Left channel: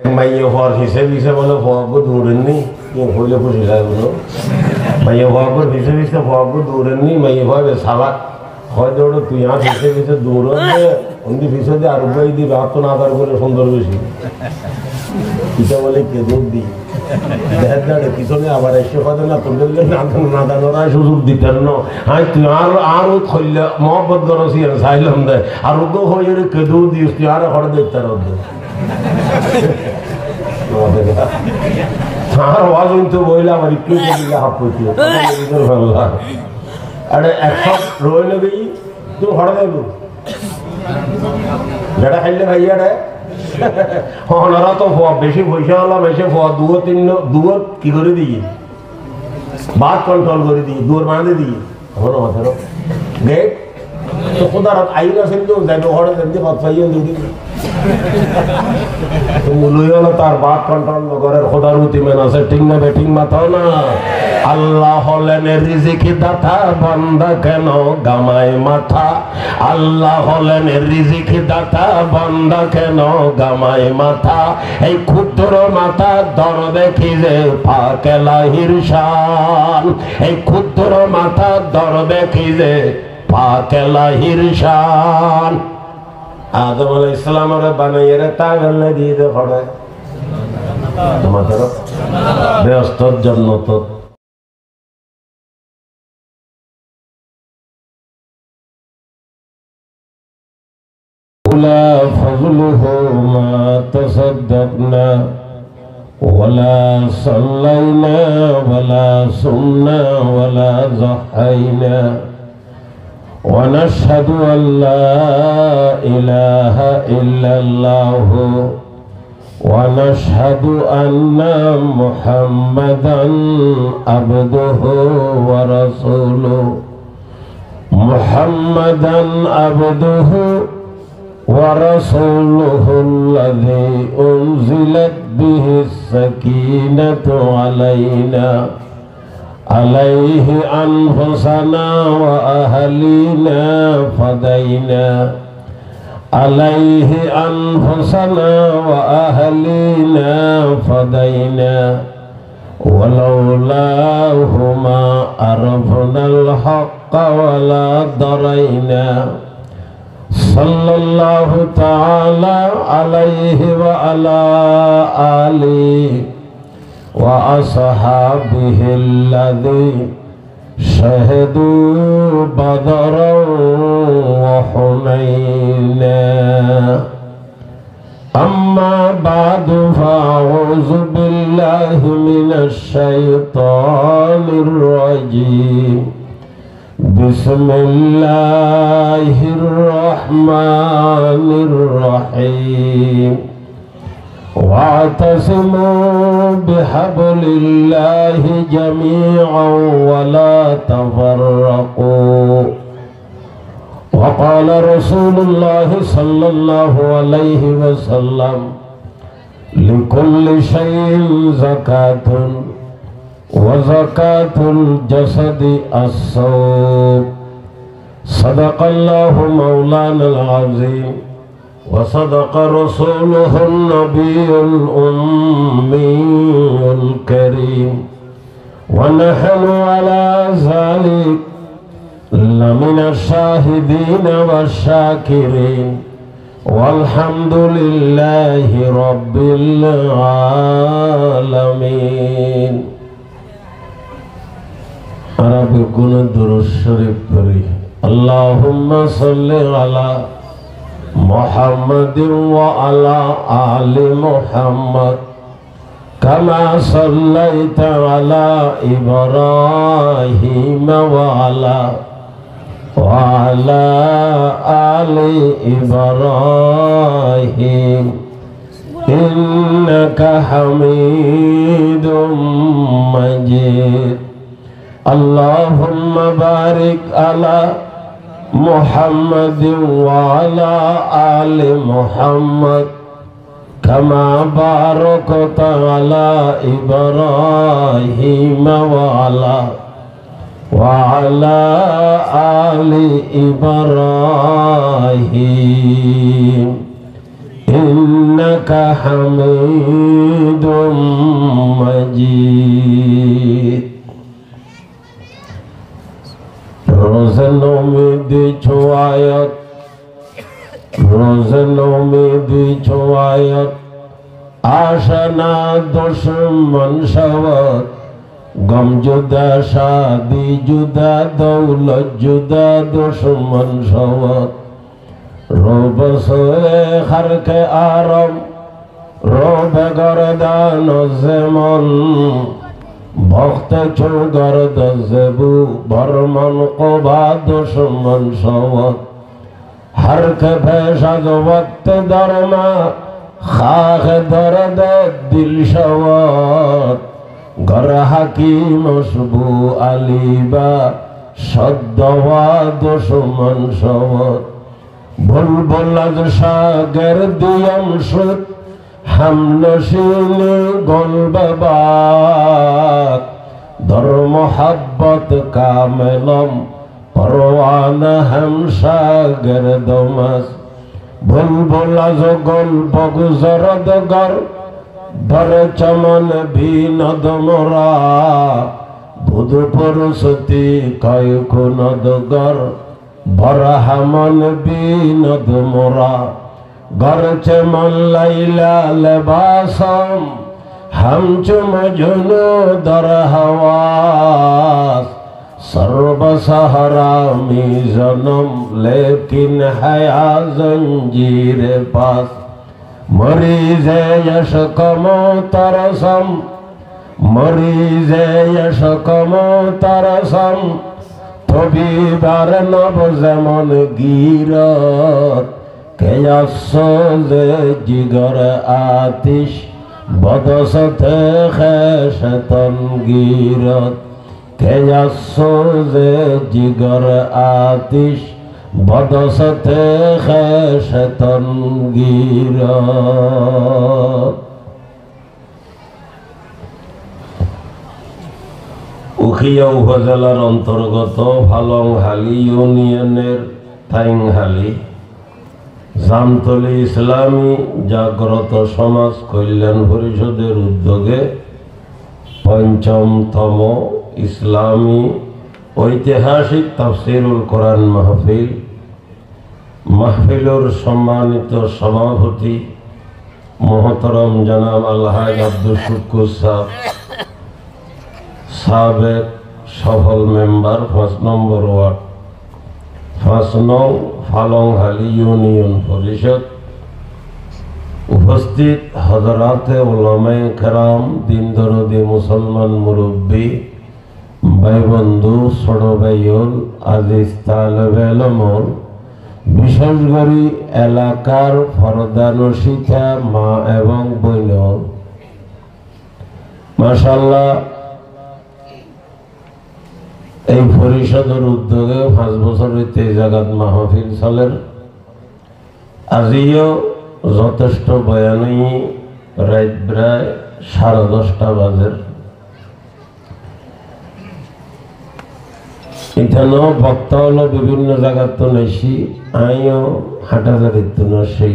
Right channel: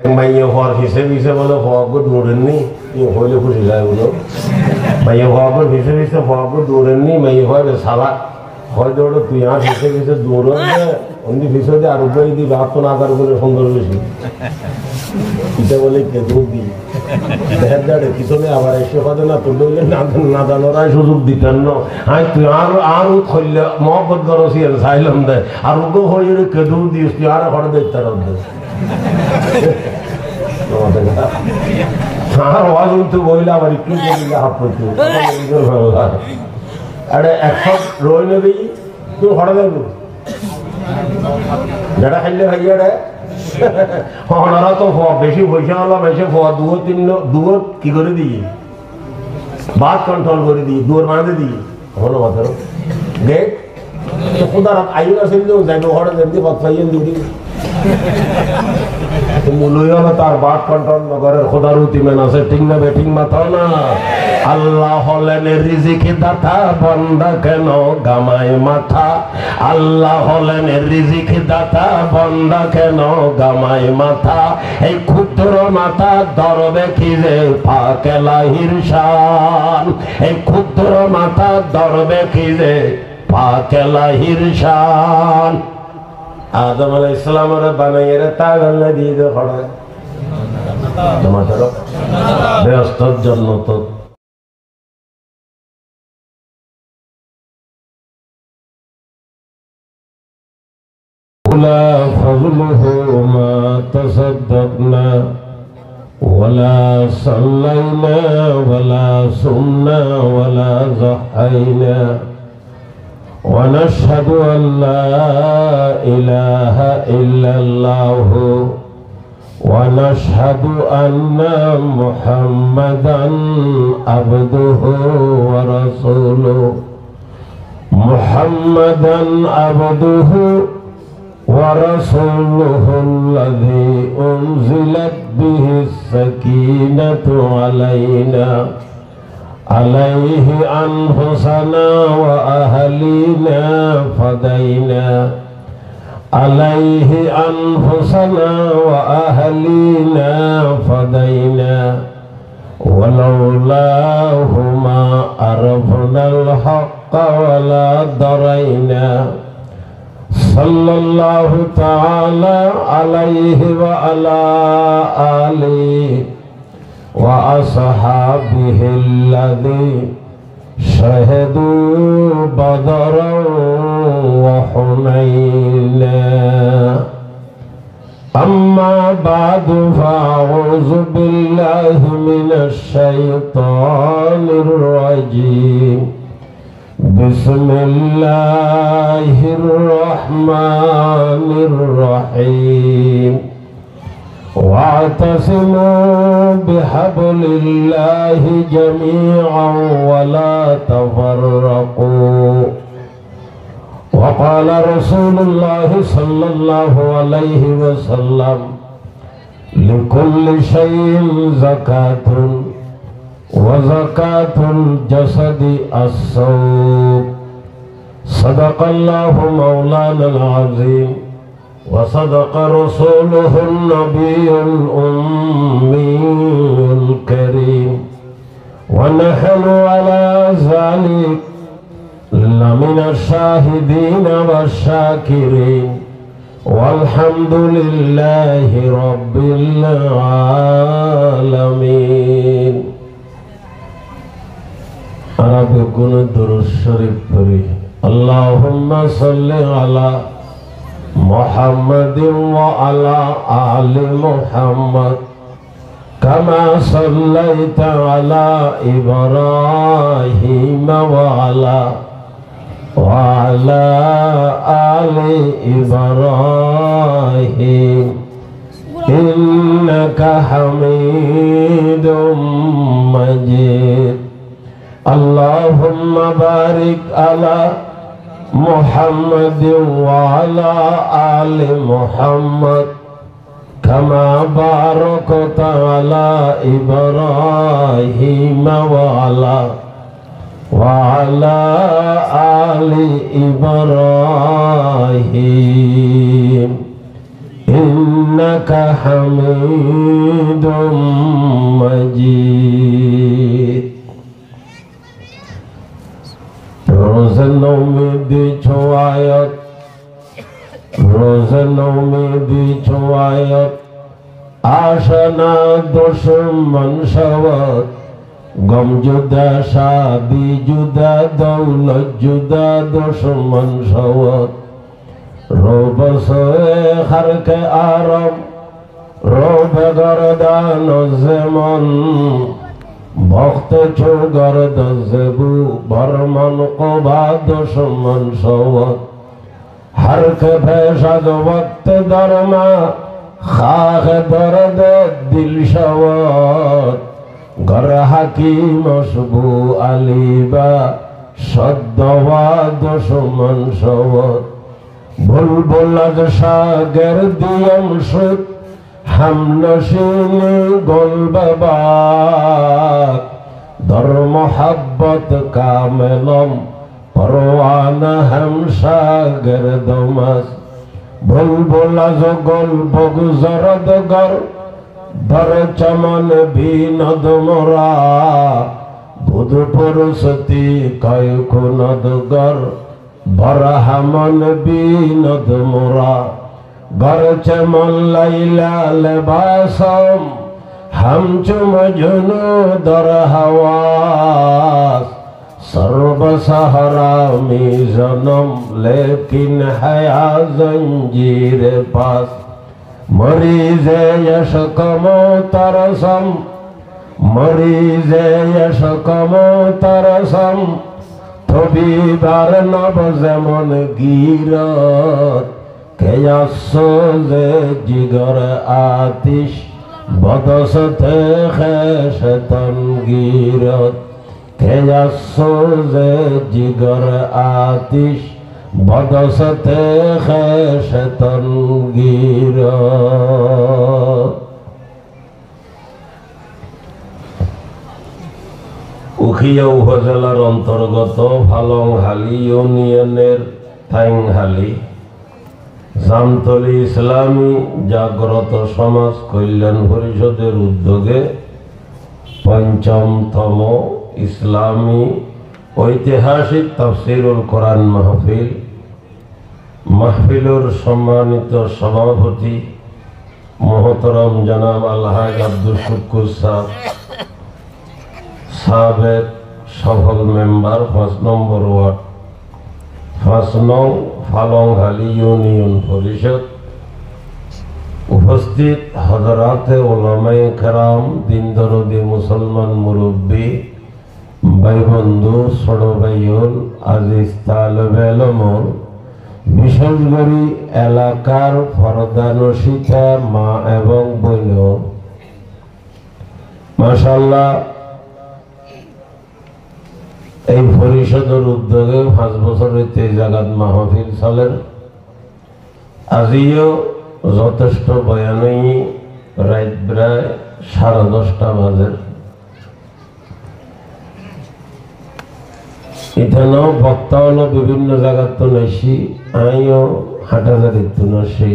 মাইয়ে হওয়ার হিসেবে বলে হওয়ার দৌড়েননি হইলে খুশি লাগলো মাইয়ে হওয়ার হিসেবে হওয়ার দৌড়েননি মাইয়ে হওয়াবে সাবাক হয় দৌড়ে তুই আর হিসেবে দৌড়ে অন্দি হিসেবে আরোগ্য যদি রাত না আদার করে সুন্দর বেশি কিটা বলে কে দৌড় দিই দেখার দাঁড়ে পিছনে আবার এসে হয়তো না তুললে হইলে না দানোরাই সুযোগ দিতেন না হ্যাঁ তুই আরো খইলে মহব্বত গরসি চাইলাম দেয় আরোগ্য হইলে কে দৌড় দিস তুই আর ঘরে দেখতে আর অজন্ত বইলে আমার একটু হাত করতে ভালো লাগে আরে একশো রয়ে নেবে তুই ঘরে দেখবো বেটা খাইলে ভাইয়া রে ওনারা তো বেশি পয়সা হলো বেশি দুয়ো কি করে দিই বাদ কন্ট্রোল করে দিই দুয়ার বাঁধে দিই হলো মাত্র গেট তো খুদার আইন আছে যাই ঘরে দেখতে ভাত খাইয়েন দিদি তার বাদ কন্ট্রোল করে খোদার উতিমেন আছে ঠিক না বেঠিক মাথাও না আল্লাহ হলেন রিজিক দাতা বান্দা কেন গামায় মাথা আল্লাহ হলেন রিজিক দাতা বান্দা কেন গামায় মাথা এই ক্ষুদ্র মাথা দরবে কি যে পাকেলাহির শান এই ক্ষুদ্র মাথা দরবে কি যে পাকেলাহির শান আদম আলাইহিস সালামের বানাইয়ে তাগলে দিয়ে দে পড়ে তোমাদের ব্যস্তর জন্য তো لا فضله ما تصدقنا ولا صلينا ولا صمنا ولا ضحينا ونشهد أن لا إله إلا الله ونشهد أن محمدا عبده ورسوله محمدا عبده ورسوله الذي أنزلت به السكينة علينا عليه أنفسنا وأهلينا فدينا عليه أنفسنا وأهلينا فدينا ولولاه ما عرفنا الحق ولا درينا صلى الله تعالى عليه وعلى آله وأصحابه الذي شهدوا بدرا وحنينا أما بعد فأعوذ بالله من الشيطان الرجيم بسم الله الرحمن الرحيم واعتصموا بحبل الله جميعا ولا تفرقوا وقال رسول الله صلى الله عليه وسلم لكل شيء زكاة وزكاة الجسد الصوم صدق الله مولانا العظيم وصدق رسوله النبي الأمي الكريم ونحن على ذلك لمن الشاهدين والشاكرين والحمد لله رب العالمين رب كن درود شريف پڑھی اللهم صل على محمد وعلى آل محمد كما صليت على إبراهيم وعلى آل إبراهيم إنك حميد مجيد اللهم بارك على محمد وعلى آل محمد كما باركت على إبراهيم وعلى آل إبراهيم إنك ইন্নাকা হামিদুম মাজিদ। রোজানো মেদি ছোয়ায়ত, রোজানো মেদি ছোয়ায়ত, আশানা দুশ্মন সবত, গম জুদা শাদি জুদা দৌলত জুদা দুশ্মন সবত। রোব সোয়ে খারকে আরাম, রোব গরদান যেমন, ভক্ত চৌগর দজবু বর্মন ওবা দুশ্মন সবত। হরকে ভেষজ বক্ত দরমা, খাখ দরদ দিল সবত। গর হাকিম মশবু আলিবা সদ্দওয়া দুশ্মন সবত। বুলবুল সাগর দিয়ম সুত, হামনশিনী গোলবাক। দর মোহাব্বত কামেলম, পরওয়ানা হামসাগর দমস। বুলবুল গোল বগুজরদ গর, ধর চমন বিনদ মোরা। বুধ পুরুষতি কয় কুনদ গর, বরহামন বিনদ মোরা। গর চমন লাইলা লেবাসম, হামচুম জুনু দর হাওয়াস। সর্ব সাহারা মে জনম, লেকিন হয়া জঞ্জির পাস। মরিজে यशक मोतरसम, मरीजे यशक मोतरसम। तबीबार नब जमन गीरत, केयासोजे जिगर आतिश, बदसते खैशतन गीरत। केयासोजे जिगर आतिश, बदसते खैशतन गीरत। উখিয়া উপজেলার অন্তর্গত ফালংহালি ইউনিয়নের থাইংহালি জামতলী ইসলামী জাগ্রত সমাজ কল্যাণ পরিষদের উদ্যোগে ৫ম ইসলামী ঐতিহাসিক তাফসিরুল কোরআন মাহফিল, মাহফিলুর সম্মানিত সভাপতি মোহতরম জনাব আলহাজ আব্দুল শুকুর সাবেক সফল মেম্বার ৫ নম্বর ওয়ার্ড, ৫ নং ফালংহালি ইউনিয়ন পরিষদ, উপস্থিত হযরাতে উলামায়ে কেরাম, দিন দরদি মুসলমান মুরব্বী, ভাই বন্ধু, ছোট ভাইয়ল, আজিজ তালেবে ইলম, বিশেষ করে এলাকার পর্দানশিকা মা এবং বোন, মাশাআল্লাহ এই পরিষদের উদ্যোগে ৫ বছর হইতে এই জায়গাত মাহফিল চলেন। আজিও যথেষ্ট বয়ানই রাত প্রায় 10:30 বাজে। এখানেও বক্তা হলো বিভিন্ন জায়গার তো নেছি, আইও হাটাজারির তো নসি।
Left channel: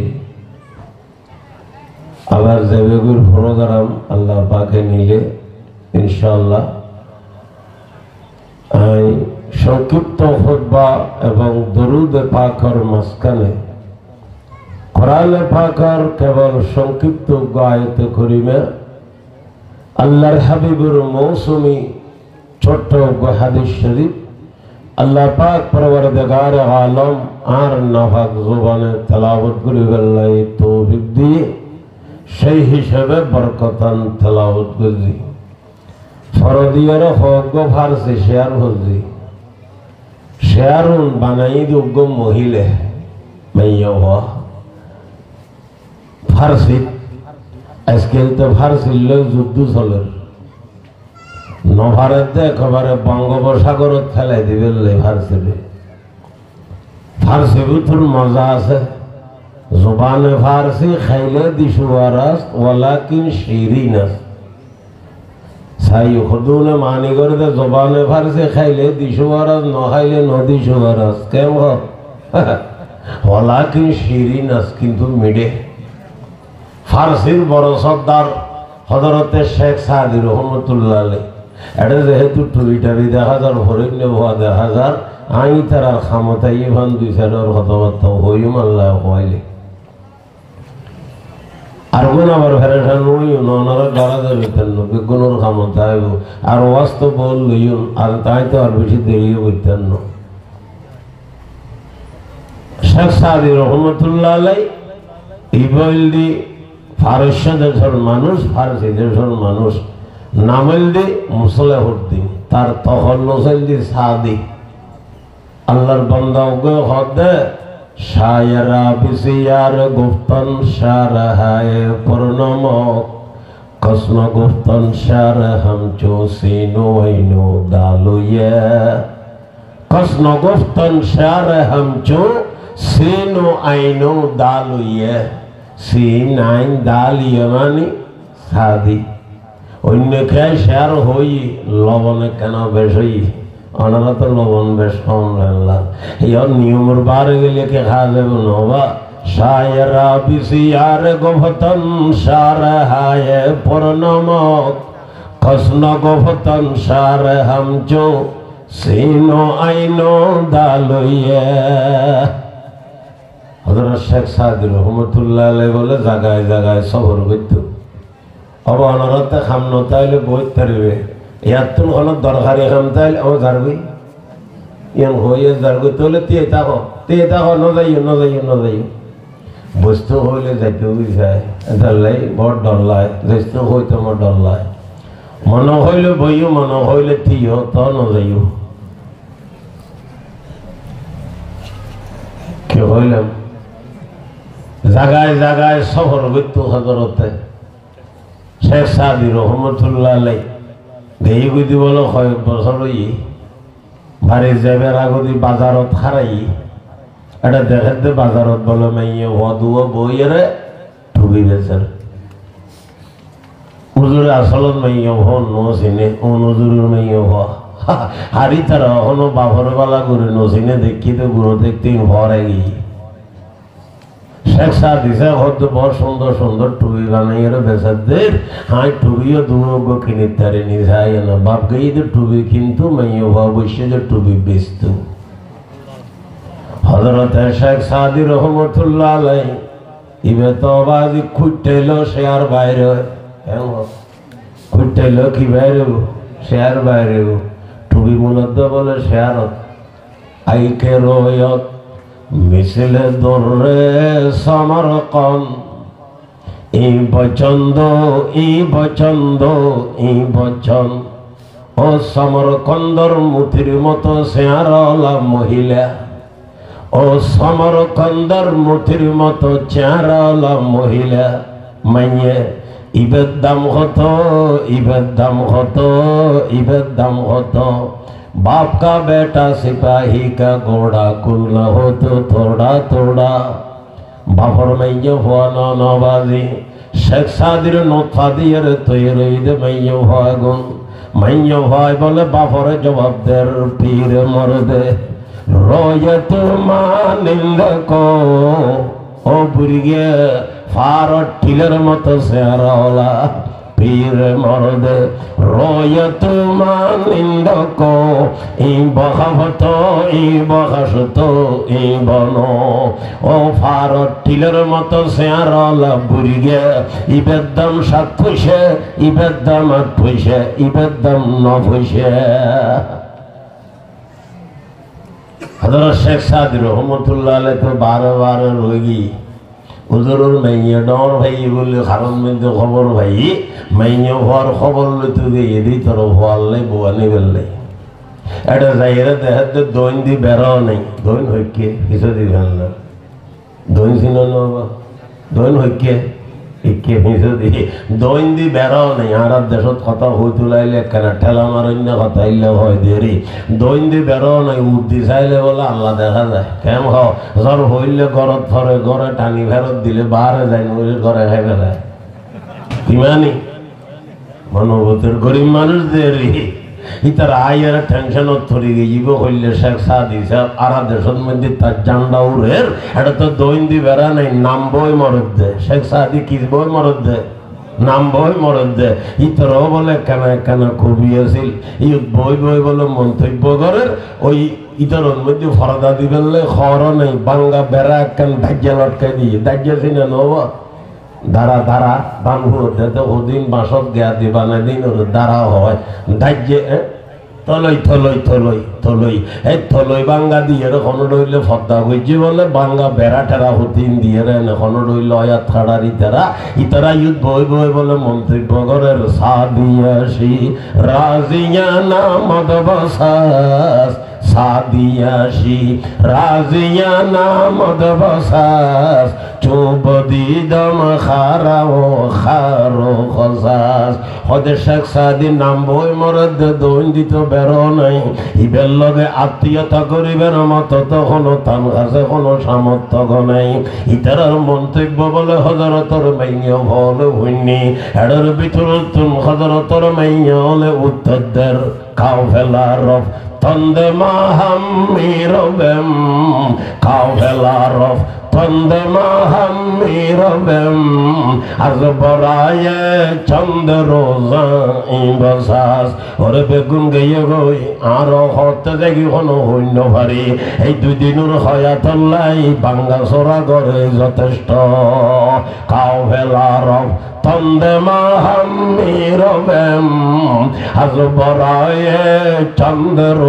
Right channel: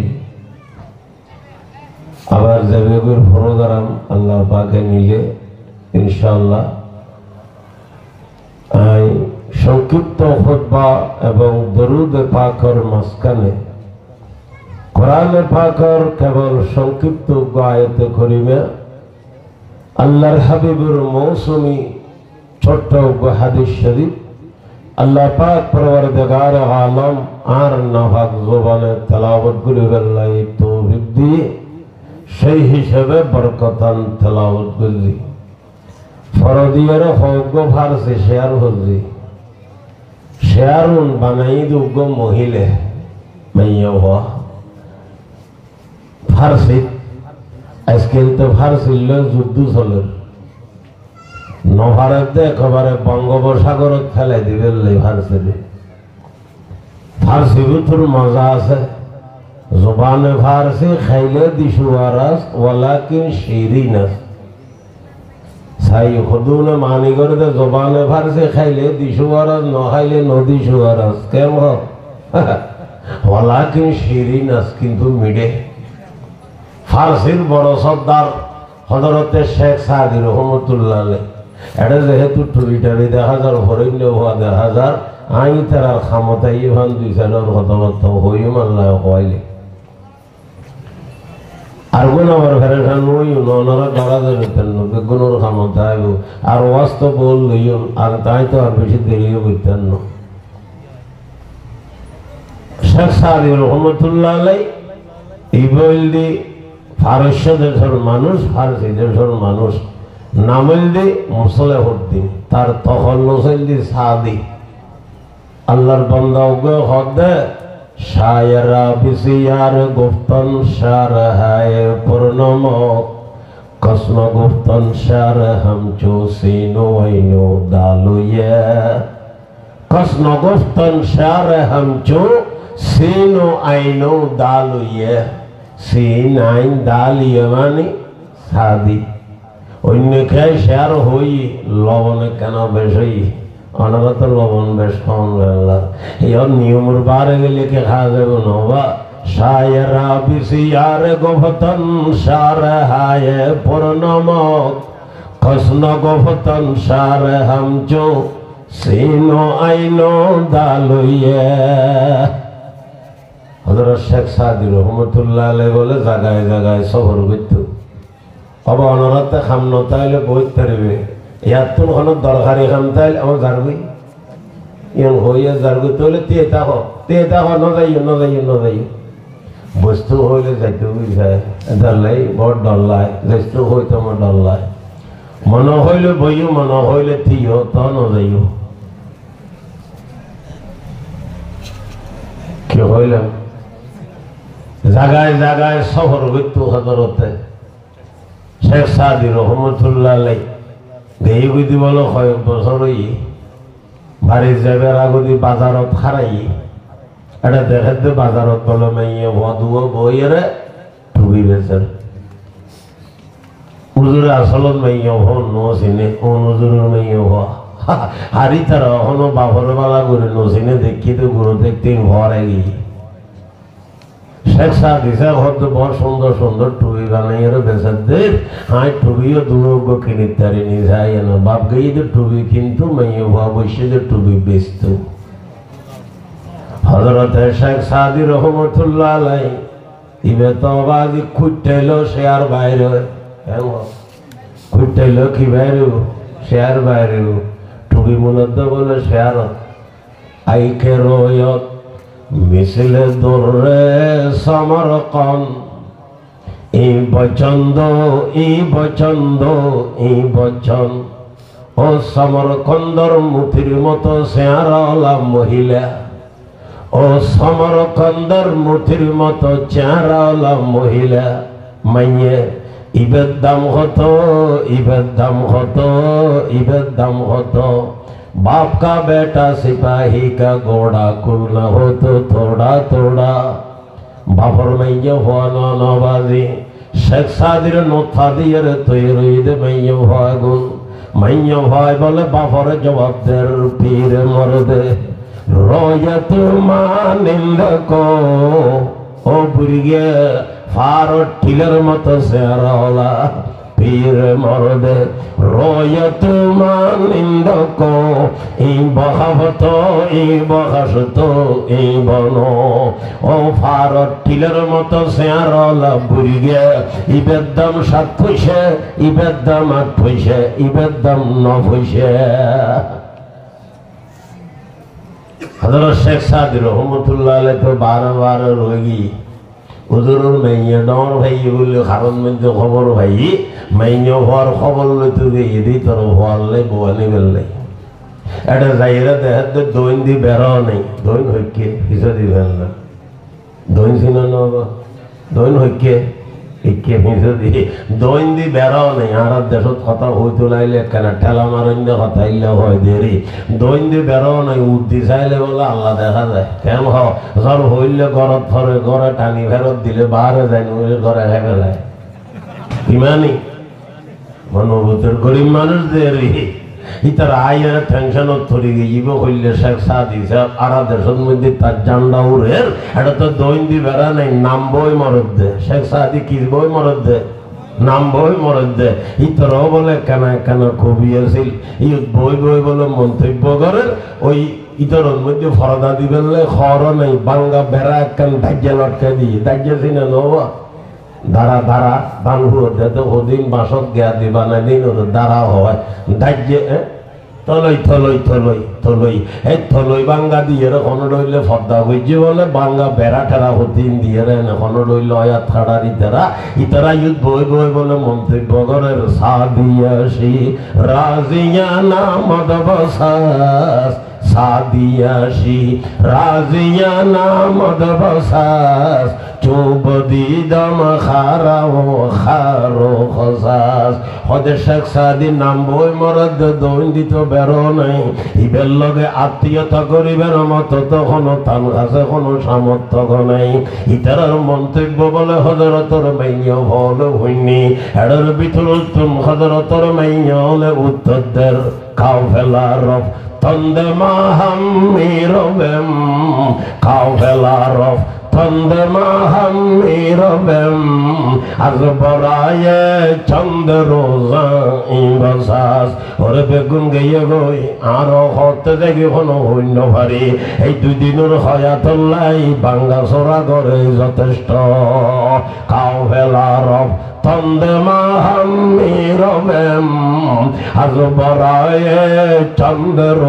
আবার জেবেগুর প্রোগ্রাম আল্লাহ পাকে নিলে ইনশাআল্লাহ সংক্ষিপ্ত খুতবা এবং দরুদ পাকের মাঝখানে কোরআনে পাকের কেবল সংক্ষিপ্ত আয়াতে করিমা, আল্লাহর হাবিবের মৌসুমী ছোট্ট হাদিস শরীফ আল্লাহ পাক পরওয়ারদিগার আলম আর নাফাক জবানে তেলাওয়াত করিবার লাগি তৌফিক দিয়ে সেই হিসেবে বরকতান তেলাওয়াত করি। ফরদিয়ার হক ফারসি শেয়ার হজি শেয়ারুন বানাই দুগ মহিলা মাইয়া হওয়া ফারসি। আজকাল তো ফারসিল যুদ্ধ চলে, নভারতে একেবারে বঙ্গোপসাগরত ফেলাই দিবে ফারসি। ফারসি ভিতর মজা আছে, জবানে ফারসি খাইলে দিশুয়ারাস ওয়ালাকিন শিরিনাস। সাই খুদুনে মানি করে দে জবানে ফারসি খাইলে দিশুয়ারাস, ন খাইলে নদিশুয়ারাস। কেমন ওয়ালাকিন শিরিনাস, কিন্তু মিডে ফার্সির বড় সর্দার হযরতে শেখ সাদি রহমতুল্লাহ আলাইহি এটা যেহেতু টুরিটারি দেখা যার হরিণ হওয়া দেখা যার আই তারা ক্ষমতাই এখন দুই চারের কথাবার্তা হইম আল্লাহ হইলে আর কোন আবার ফেরান হইও ননারা গাড়া যাবেন বেগুনের ক্ষমতা আইব আর ওয়াস্ত বল হইও আর তাই তো আর বেশি দেরি হইতেন না শেখ সাদি রহমতুল্লাহ আলাইহি এই বলদি ফারস্য দেশের মানুষ ফারসি দেশের মানুষ নামলদি মুসলেহুদ্দিন তার তহল্লুসলদি সাদি আল্লাহর বান্দা ওকে হদে শায়রা বিসিয়ার গুফতন শারহায়ে পূর্ণম কসম গুফতন শার হামচো সিনো আইনো দালুয়ে কসম গুফতন শার হামচো সিনো আইনো দালুয়ে সিন আইন দালিয়ে মানে সাদি অন্য খেয়ে শেয়ার হই লবণে কেন বেশ হই ওনারা তো লবণ বেশ খাওয়ান বাংলা এর নিয়মের বারে গেলে কে খাওয়া যাবে নবা শায়রা বিসিয়ার গোভতন সার হায় পূর্ণমক কসন গোভতন সার হামচো সিনো আইনো দালুয়ে হযরত শেখ সাদি রহমতুল্লাহ আলাইহি বলে জায়গায় জায়গায় সফর করত अब अनरते खामनो ताइले बहुत तरवे यार तुम खानो दरकारी खाम ताइले हम जारगुई ये हो ये जारगुई तोले तेता हो न जाइयो वस्तु होले जाते हुए जाए दल्लाई बहुत डल्लाई वस्तु होय तो म डल्लाई मन होले बइयो मन होले तियो तो न जाइयो क्यों होले जगह जगह सफर गइतो हजरते শেখ সাদি রহমতুল্লাহ আলাইহি দেই বুঝি বলো কয়েক বছর হই বাড়ি যাইবার আগদি বাজারত হারাই এটা দেখতে বাজারত বলে মাইয়ে বদুও বইরে টুবি বেচের হুজুর আসলত মাইয়ে হন নো সিনে ও হুজুরের মাইয়ে হ হারি তারা হনো বাবর বালা করে নো সিনে দেখি তো গুণ দেখতে ঘরে গিয়ে শেখ সাদি সাহেব হয়তো বড় সুন্দর সুন্দর টুপি বানাইয়ে বেচাদের হাই টুপিও দুর্গ কিনে তারে নিয়ে যায় না বাপ গিয়ে তো টুপি কিন্তু মাইয়ে হওয়া বসে যে টুপি বেচত হযরত শেখ সাদি রহমতুল্লাহ আলাইহি ইবে তো বাজি খুঁটেলো সে আর বাইরে কেন খুঁটেলো কি বাইরে সে আর বাইরে টুপি মূলত বলে সে আর আইকে রয়ত মিছিলে দরে সমরকন এই বচন ও সমরকন্দর মুঠির মতো চেহারা মহিলা ও সমরকন্দর মুঠির মতো চেহারা মহিলা মাইয়ে ইবের দাম হতো बाप का बेटा सिपाही का घोड़ा कुल हो तो थोड़ा थोड़ा बापर मैये हुआ नवाजी शेख सादिर नोथा दिए तैयार मैये हुआ गुन मैये हुआ बोले बापर जवाब दे पीर मर दे रोये तू मानिंद को ओ बुरिगे फारो टिलर मत से रोला पीर मर्द रोयत मानिंद को ई बहावतो ई बहासतो ई बनो ओ फारत टिलर मत सेयारला बुरिगे इबेदम सातफुशे इबेदम आठफुशे इबेदम नफुशे हज़रत शेख सादी रहमतुल्लाह अलैहि तो बार रोगी হুজুরের মাইয়া ডর ভাই বলে কারণ মধ্যে খবর ভাই মাইয়া হওয়ার খবর লইতে দিয়ে দিই তোর হওয়ালে বোয়ানি বেললে এটা যাইরা দেখাতে দইন দি বেরাও নাই দইন হইকে কিছু দি বেল না দইন ছিল না দইন হইকে ইকে কিছু দি দইন দি বেরাও নাই আর দেশত কথা হইতে লাইলে কেন ঠেলা মারন্য কথা ইল্লা হয় দেরি দইন দি বেরাও নাই উঠি চাইলে বলে আল্লাহ দেখা যায় কেন জ্বর হইলে ঘরত ধরে ঘরে টানি ফেরত দিলে বাহারে যায় নইলে ঘরে খাই ফেলায় ইমানি মনোভূতের গরিব মানুষ দেরি ইতার আইয়ের টেনশনত পড়ে গিয়েব হইলে শেখ সাদি সাহেব আরা দেশের মধ্যে তার জান্ডা উড়ের এটা তো দৈন্দি বেড়া নেই নাম বই মরদ দে শেখ সাদি কি বই মরদ দে নাম বই মরদ দে ইতরও বলে কেন কেন কবি আছিল ই বই বই বলে মন্তব্য করে ওই ইতরের মধ্যে ফরদা দিবেন খর নেই বাঙ্গা বেড়া একখান দাজ্যা লটকে দিয়ে দাজ্যা চিনে নব ধারা ধারা বাংহুর ওদিন বাসত গিয়া দিবা না দিন দ্বারা হয় দাজ্যে তলই থলই থলই থলই এই থলই বাঙ্গা দিয়ে এখন রইলে ফদ্দা হইছে বলে বাঙ্গা বেড়া টেরা হতিন দিয়ে এখন রইল আয়া থাড়ারি তেরা ইতারা ইউথ বই বই বলে মন্তব্য করে সাদিয়াসি রাজিয়ানা মদবসাস সাদিয়াসি রাজিয়ানা মদবসাস চুবদি দম খারাও খারো খসাস হদের শেখ সাদির নাম বই মরদ দৈন্দিত বেরো নাই ইবের লগে আত্মীয়তা করিবের মতো তখন তাম আছে কোনো সামর্থ্য নাই ইতারার মন্তব্য বলে হজরতর মাইয় বলে হইনি এডর বিতুল তুম হজরতর মাইয় হলে উত্তরদের খাও ফেলার তন্দে মাহাম মিরবেম খাও ফেলার তন্দে মাহাম মিরবেম আজ বরায়ে চন্দ্র ইবসাস ওরে বেগুন গিয়ে গই আরো হতে দেখি কোনো হইন্য ভারি এই দুদিনের হয়াতল্লাই বাঙ্গা চোরা করে যথেষ্ট খাও ফেলার তন্দে মাহাম মিরবেম আজ বরায়ে চন্দ্র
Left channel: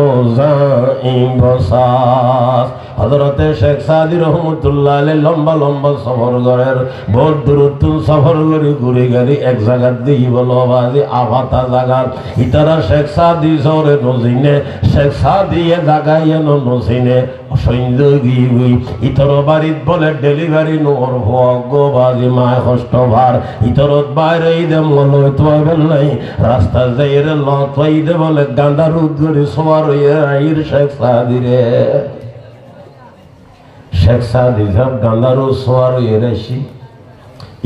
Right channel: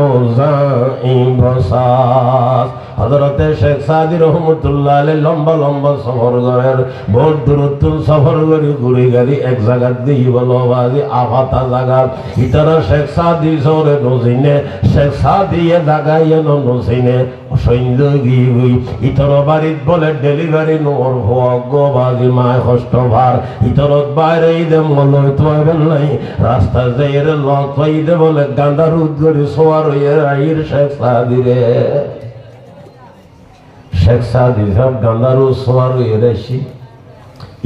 ইবসাস হযরতে শেখ সাদি রহমতুল্লাহ আলাইহি লম্বা লম্বা সফর করেন বহুত দূরত্ব সফর করে ঘুরে গাড়ি এক জায়গা দিয়ে বলো বাজি আফাতা জায়গা ইতারা শেখ সাদি সরে নজিনে শেখ সাদি এ জায়গায় নজিনে সৈন্য গিয়ে ইতর বাড়িত বলে ডেলিভারি নোর ভোগ বাজি মায় কষ্ট ভার ইতরত বাইরে ঈদে মনে তোয়াবেন নাই রাস্তা যাইরে লত ঈদে বলে গান্ডা রুদ করে সোয়ার হয়ে আইর শেখ সাদি রে শেখ সাদি সাহেব গান্দারু সোয়ার হয়ে রাইছি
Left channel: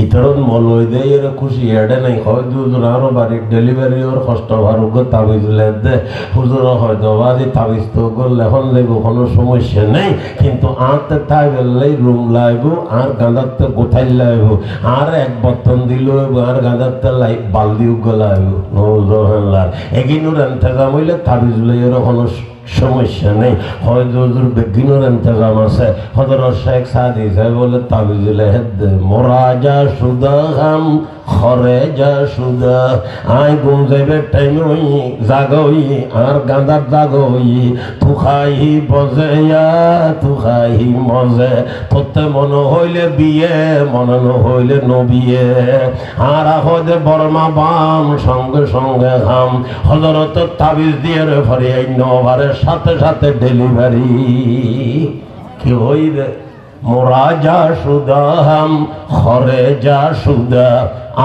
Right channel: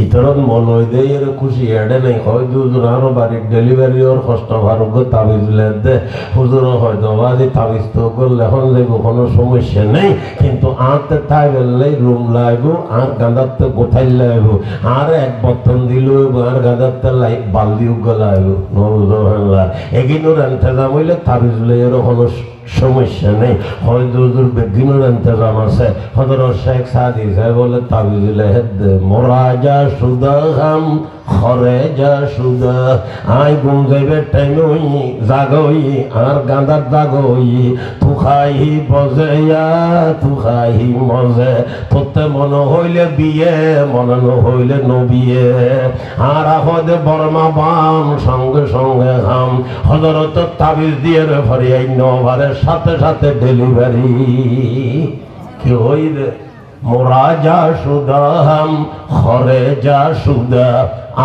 ইতরত মলই দে এর খুশি এডে নাই হয় দুজন আরো বাড়ির ডেলিভারি ওর কষ্ট ভারত তাবিজ দে হুজুর হয়তো বাজি তাবিজ তো করলে এখন দেখবো কোনো সমস্যা নেই কিন্তু আঁতে থাকলে রুম লাগবো আর গাঁদারতে কোথায় লাগবো আর এক বর্তন দিল আর গাঁদারতে লাইট বালদি লাগবো নজর এগিনোর এন্তেজাম হইলে তাবিজ লইয়ের কোনো সমস্যা নেই হয়তো বেগিনোর ইন্তজাম আছে হযরত শেখ সাদি সাহেব বলে তাবিজ লেহেদ মোরাজা সুদা হাম খরেজা সুদা আই গুম যাইবে টাইম হই জাগই আর গাঁদার জাগই তু খাই বজেয়া তু খাই মজে তোতে মন হইলে বিয়ে মনে হইলে নবিয়ে আর আহদে বর্মা বাম সঙ্গে সঙ্গে হাম হযরত তাবিজ দিয়ে ঘরে আইন বারের সাথে সাথে ডেলিভারি কি হইলে মোরাজা সুদা হাম খরেজা সুদা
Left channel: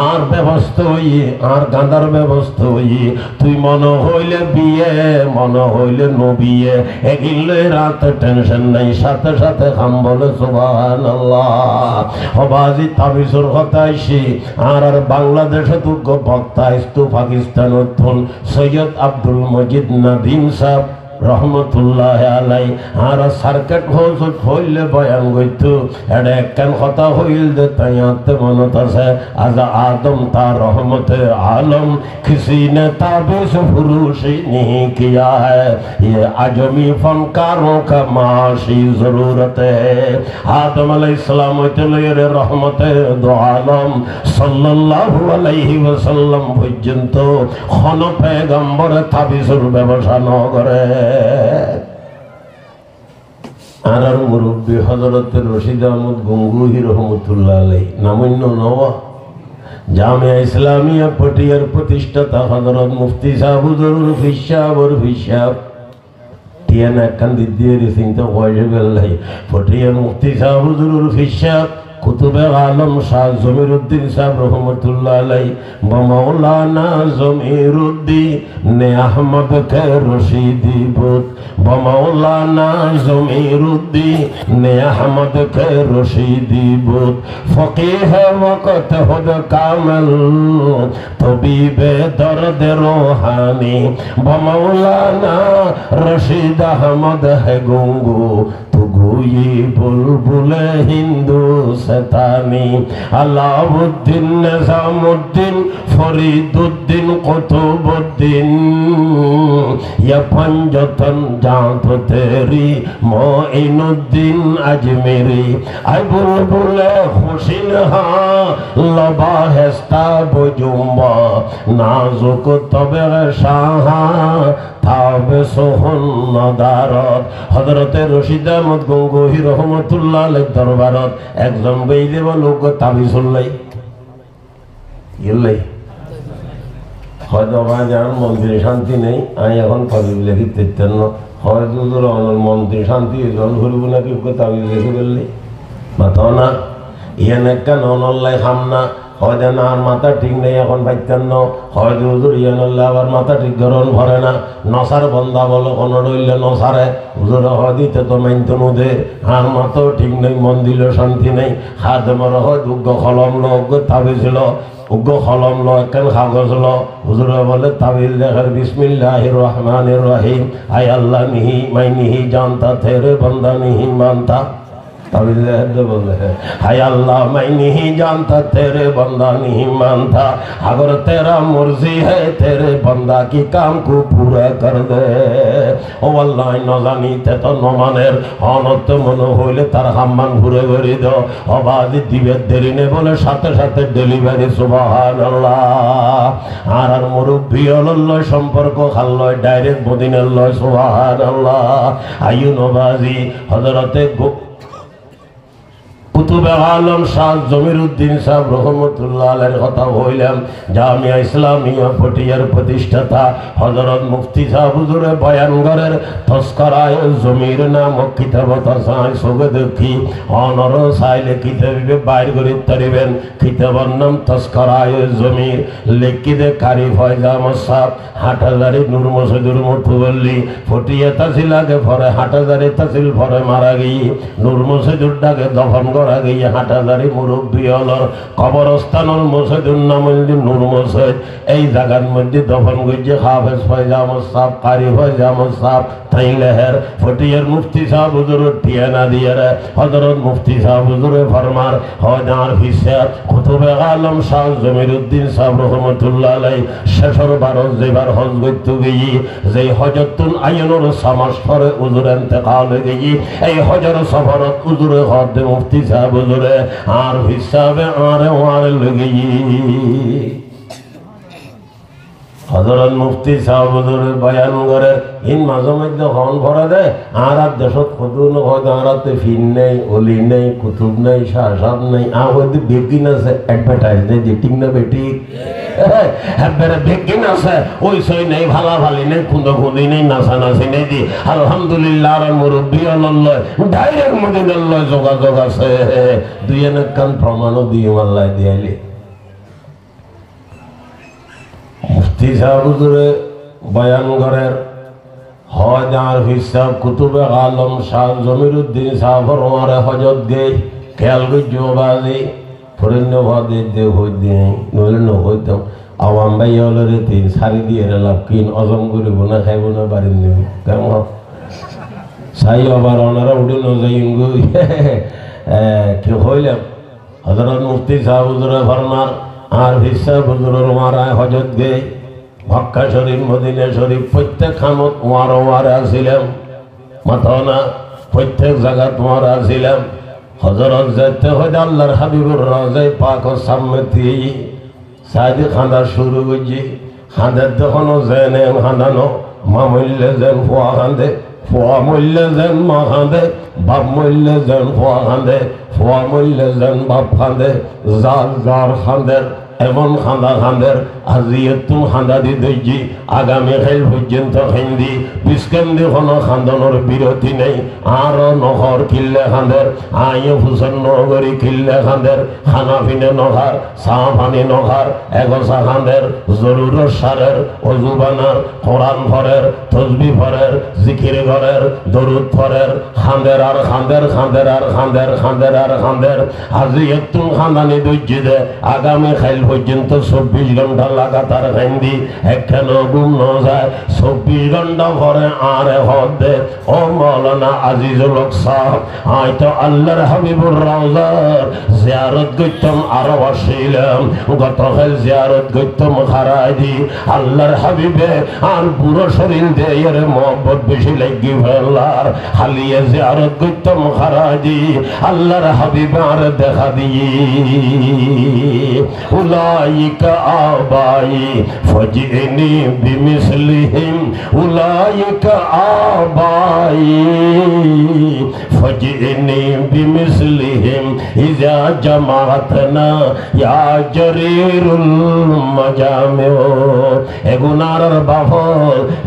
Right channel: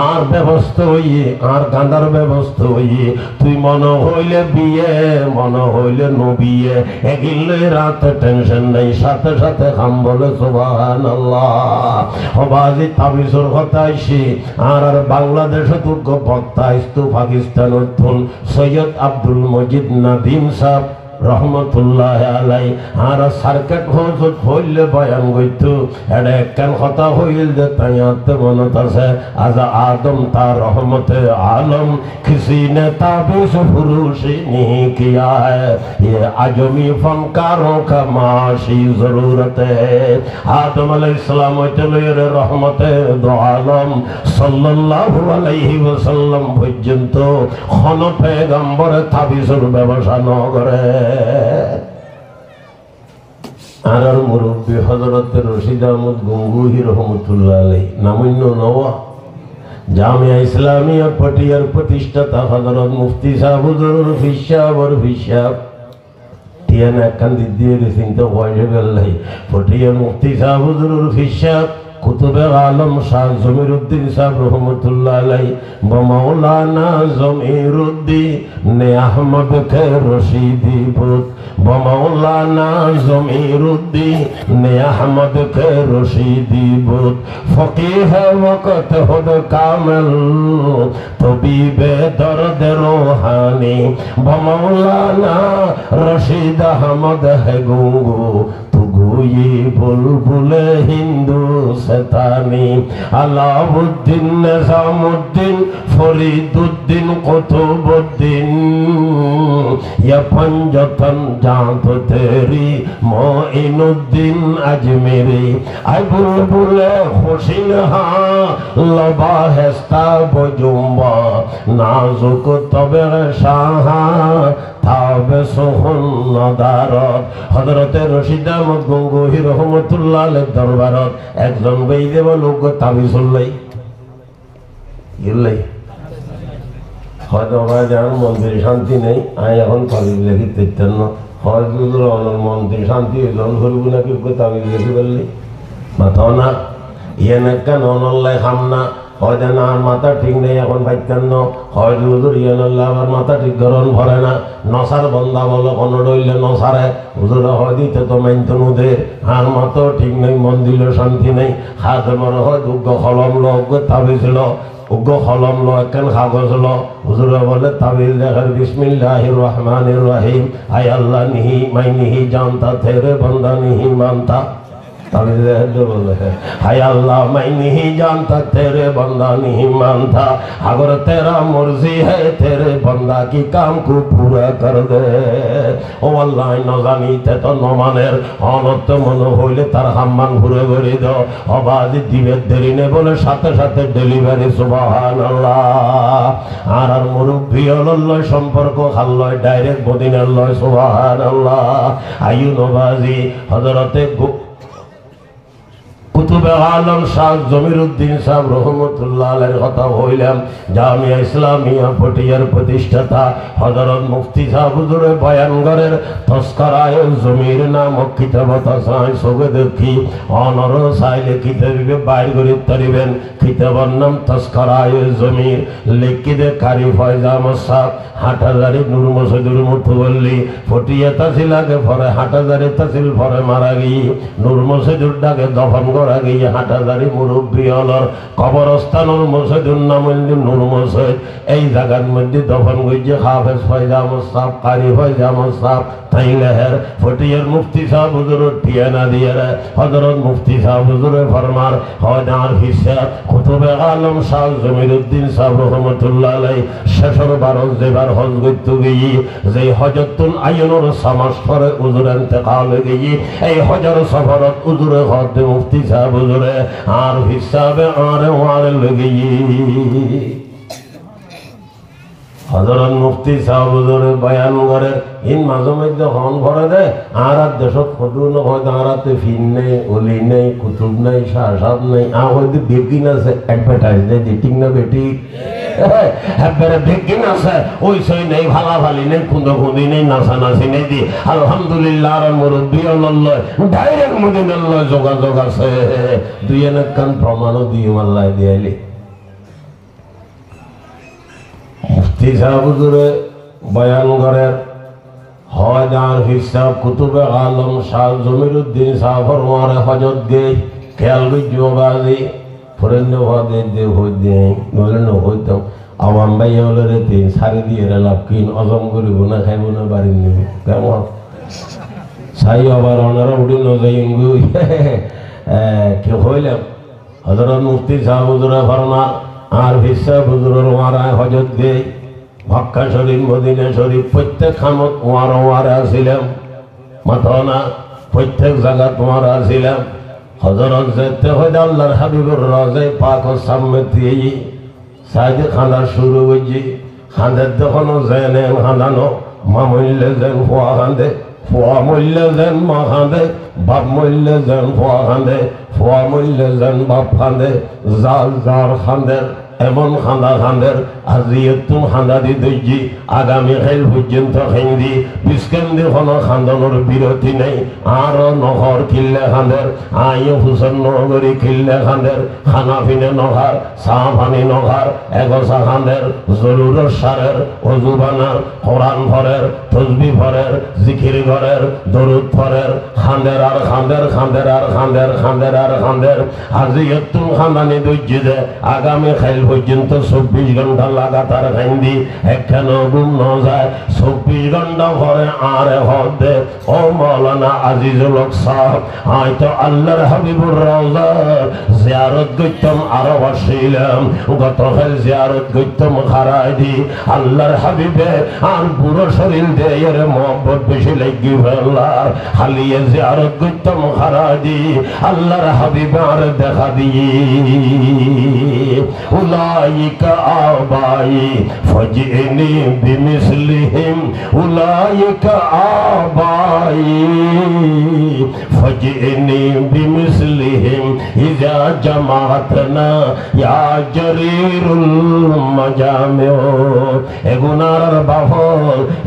আর ব্যবস্থা হইয়ে আর গাঁদার ব্যবস্থা হইয়ে তুই মনে হইলে বিয়ে মনে হইলে নবিয়ে এগিলে রাতে টেনশন নাই সাথে সাথে খাম বলে সুবহানাল্লাহ হবাজি তাবিজুর কথা আইছি আর বাংলাদেশে তুগ্য বক্তা ইস্তু পাকিস্তানের থন সৈয়দ আব্দুল মজিদ নাদিম সাহেব রহমতুল্লাহ আলাই আর সার্কেট হজত হইলে বয়ান গইতো এটা একখান কথা হইল যে তাই আনতে মনত আছে আজ আদম তার রহমতে আলম কিসি নে তাবিজ ফুরুশি नहीं किया है ये आजमी फनकारों का माशी जरूरत है आदम अलैहिस्सलाम হইতে লইরে রহমতে আলম সাল্লাল্লাহু আলাইহি ওয়াসাল্লাম পর্যন্ত কোন পয়গম্বর তাবিজের ব্যবসা ন করে আর মুরব্বী হযরত রশিদ আহমদ গঙ্গুহি রহমতুল্লাহ আলাইহি নামন্য নওয়া জামিয়া ইসলামিয়া পটিয়ার প্রতিষ্ঠাতা হযরত মুফতি সাহেব হুজুর ফিশাবর ফিশাব টিয়ানা কান্দি দিয়ে চিন্তা হয়ে গেল পটিয়া মুফতি সাহেব হুজুর ফিশাব কুতুবে আলম শাহ জমিরুদ্দিন সাহেব রহমতুল্লাহ আলাইহি মাওলানা জমিরুদ্দিন নে আহমদ কে রশিদি বুত बमौलाना ज़मीरुद्दीन अहमद के रशीदी बुत फ़क़ीह वक़्त हुद कामिल तबीबे दर्द रूहानी बमौलाना रशीद अहमद है गुंगू गोई बुलबुले हिंदुस्तानी अलाउद्दीन निज़ामुद्दीन फरीदुद्दीन कुतुबुद्दीन या पंजतन जात तेरी मोइनुद्दीन अजमेरी आई बुलबुले हुसैन हाँ लबाहिस्ता बुजुम्बा नाजुक तबे शाहा ताबे सोहन नदारत हजरत रशीद अहमद गंगोही रहमतुल्लाह अलैहि दरबारत একজন বেইদে লোক তাবিজ হলাই গেলাই হয়তো বাজার মন্দিরে শান্তি নেই আমি এখন তাবিজ লেখি দিতেন না হয়তো মন্দিরে শান্তি জল হইব নাকি তাবিজ লেখি বললি না তো না ইয়ান একটা ননল্লাই খাম না হয়তো না আর মাথা ঠিক নেই এখন ভাইতেন না হয়তো হুজুর ইয়ানুল্লাহ আবার মাথা ঠিক ধরন ভরে না নসার বন্ধা বলো কোনো রইলে নসারে হুজুর হদিতে তো মানতে মুদের আর মাথাও ঠিক নেই মন দিল শান্তি নেই হাত মর হয় উগ্র কলম লো উগ্র তাবিজ লো উগ্র কলম লো একখান কাগজ লো হুজুর বলে তাবিজ লেখার বিসমিল্লাহির রহমানির রহিম আয় আল্লাহ নিহি মাই নিহি জানতা তেরে বন্দা নিহি মানতা हाय अल्लाह मैं नहीं जानता तेरे बंदा नहीं मानता अगर तेरा मर्जी है तेरे बंदा की काम को पूरा कर दे ओ अल्लाह न जानिते तो नमानेर अनर्थ मन हইলে তার হাম্মান ঘুরে ঘুরে দাও আবাদ দিবে দেরি নে বলে সাথে সাথে ডেলিভারি সুবহানাল্লাহ আর আর মুরব্বি আল্লাহ সম্পর্ক খাল্লয় ডাইরেক্ট মদিনার লয় সুবহানাল্লাহ আইয়ু নবাজি হযরতে কুতুবে আলম শাহ জমিরুদ্দিন সাহেব রহমতুল্লাহ আলাইহির কথা বললাম জামিয়া ইসলামিয়া ফটিয়ার প্রতিষ্ঠাতা হযরত মুফতি সাহেব হুজুরে বয়ানগরের তস্করায়ে জমির নামক কিতাবতা সাই সবে দেখি অনর সাইলে কিতাবে বাইর করে তরিবেন কিতাবের নাম তস্করায়ে জমির লিখিতে কারি ফয়জা মুসাব হাটহাজারি নূর মসজিদের মুতওয়াল্লি ফটিয়া তাহসিল আগে পরে হাটহাজারি তাহসিল পরে মারা গিয়ে নূর মসজিদের ডাকে দফন করা গিয়ে হাটহাজারি মুরব্বী হলর কবরস্থানের মসজিদের নাম হইল নূর মসজিদ এই জায়গার মধ্যে দফন করছে হাফেজ ফয়জা মুসাব কারি ফয়জা মুসাব তাইলেহের ফটিয়ার মুফতি সাহেব হুজুর টিয়ানা দিয়ে হযরত মুফতি সাহেব হুজুরে ফরমার হয়দার হিসা কুতুবে আলম শাহ জমিরুদ্দিন সাহেব রহমাতুল্লাহ আলাইহি শেষর বারো যেবার হজ করতে গিয়ে যে হজতুল আইনুর সামাস পরে হুজুর ইন্তেকাল হয়ে গিয়ে এই হজর সফরত হুজুরে হদ মুফতি সাহেব হুজুরে আর হিসাবে আরে লেগে হযরত মুফতি সাহেব হুজুরের বয়ান করে ইন মাঝে মধ্যে হন ভরা দেয় আর দেশত কদু হয়তো আরাতে ফিন নেই অলি নেই কুতুব নেই শাহসাব নেই আর হয়তো বেকিন আছে অ্যাডভার্টাইজ নেই যেটিং না বেটি একবারে বেকিন আছে ওই সই নেই ভালা ভালি নেই খুঁদো খুঁদি নেই নাচা নাচি নেই দি আলহামদুলিল্লাহ আর মুরব্বী আল্লাহ ডাইরেক্ট মদিনাল্লাহ যোগাযোগ আছে দুই এক কান প্রমাণও দিয়ে আল্লাহ দিয়াইলি মুফতি সাহেব হুজুরে বয়ানগরের হয়দার হিসাব কুতুবে আলম শাহ জমিরুদ্দিন সাহেবের ওমারে হজত গে খেয়াল গজ্জবাজি ফরেন্দ হদে দে হইদে নলেন হইতাম আওয়াম ভাই হলরে তিন সারি দিয়ে লাভ কিন অজম করে গুনাহ খাইব না বাড়ি নেই কেমন সাই আবার ওনারা উড়ি ন যাইন গো কে হইলাম হযরত মুফতি সাহেব হুজুরে ফরমা আর হিসাব হুজুরের ওমারে হজত গে মক্কা শরীফ মদিনা শরীফ প্রত্যেক খানত ওয়ারা ছিলেন মাথা না প্রত্যেক জায়গা ওয়ারা ছিলেন হযরত যেতে হইলে আল্লাহর হাবিবুর রওজায়ে পাকের সামনে দিয়ে সাইদে খানা শুরু হইছে খানের যখন জেনে খানানো মা মইলে যেন ফোয়া খান্দে ফোয়া মইলে যেন মা খান্দে বাপ মইলে যেন ফোয়া খান্দে ফোয়া মইলে যেন বাপ খান্দে জাল জার খান্দে এমন খান্দা খান্দের আজিয়ে তুম খান্দা দি দইজি আগামী খাইল পর্যন্ত খাইন্দি বিস্কেন্দি হল খান্দনের বিরতি নেই আর নহর কিল্লে খান্দের আইয়ে হুসেন নগরী কিল্লে খান্দের খানা পিনে নহার চা পানি নহার এগোসা খান্দের জরুর সারের অজুবানার কোরআন ভরের তসবি ভরের জিকির ঘরের দরুদ ভরের খান্দের আর খান্দের খান্দের আর খান্দের খান্দের আর খান্দের আজিয়ে তুম খান্দানি দইজি দে আগামী খাইল পর্যন্ত 24 ঘন্টা লাগাতার খাইন্দি একখানো ঘুম ন যায় 24 ঘন্টা পরে আর হদে ও মাওলানা আজিজুল হক সাহেব হয়তো আল্লাহর হাবিবুর রওজার জিয়ারত করতাম আরো আসিলাম গতকাল জিয়ারত করতাম খারাইদি আল্লাহর হাবিবে আর পুরো শরীর দিয়ে এর মহব্বত বেশি লাগি ফেলার খালিয়ে জিয়ারত করতাম খারাইদি আল্লাহর হাবিবে আর দেখা দিয়ে উলাইকা আবাই ফজিনি বিমিসলিহিম উলাইকা আবাই ফজিনি বিমিসলিহিম ইজা জামাতনা ইয়া জরিরুল মাজামিউ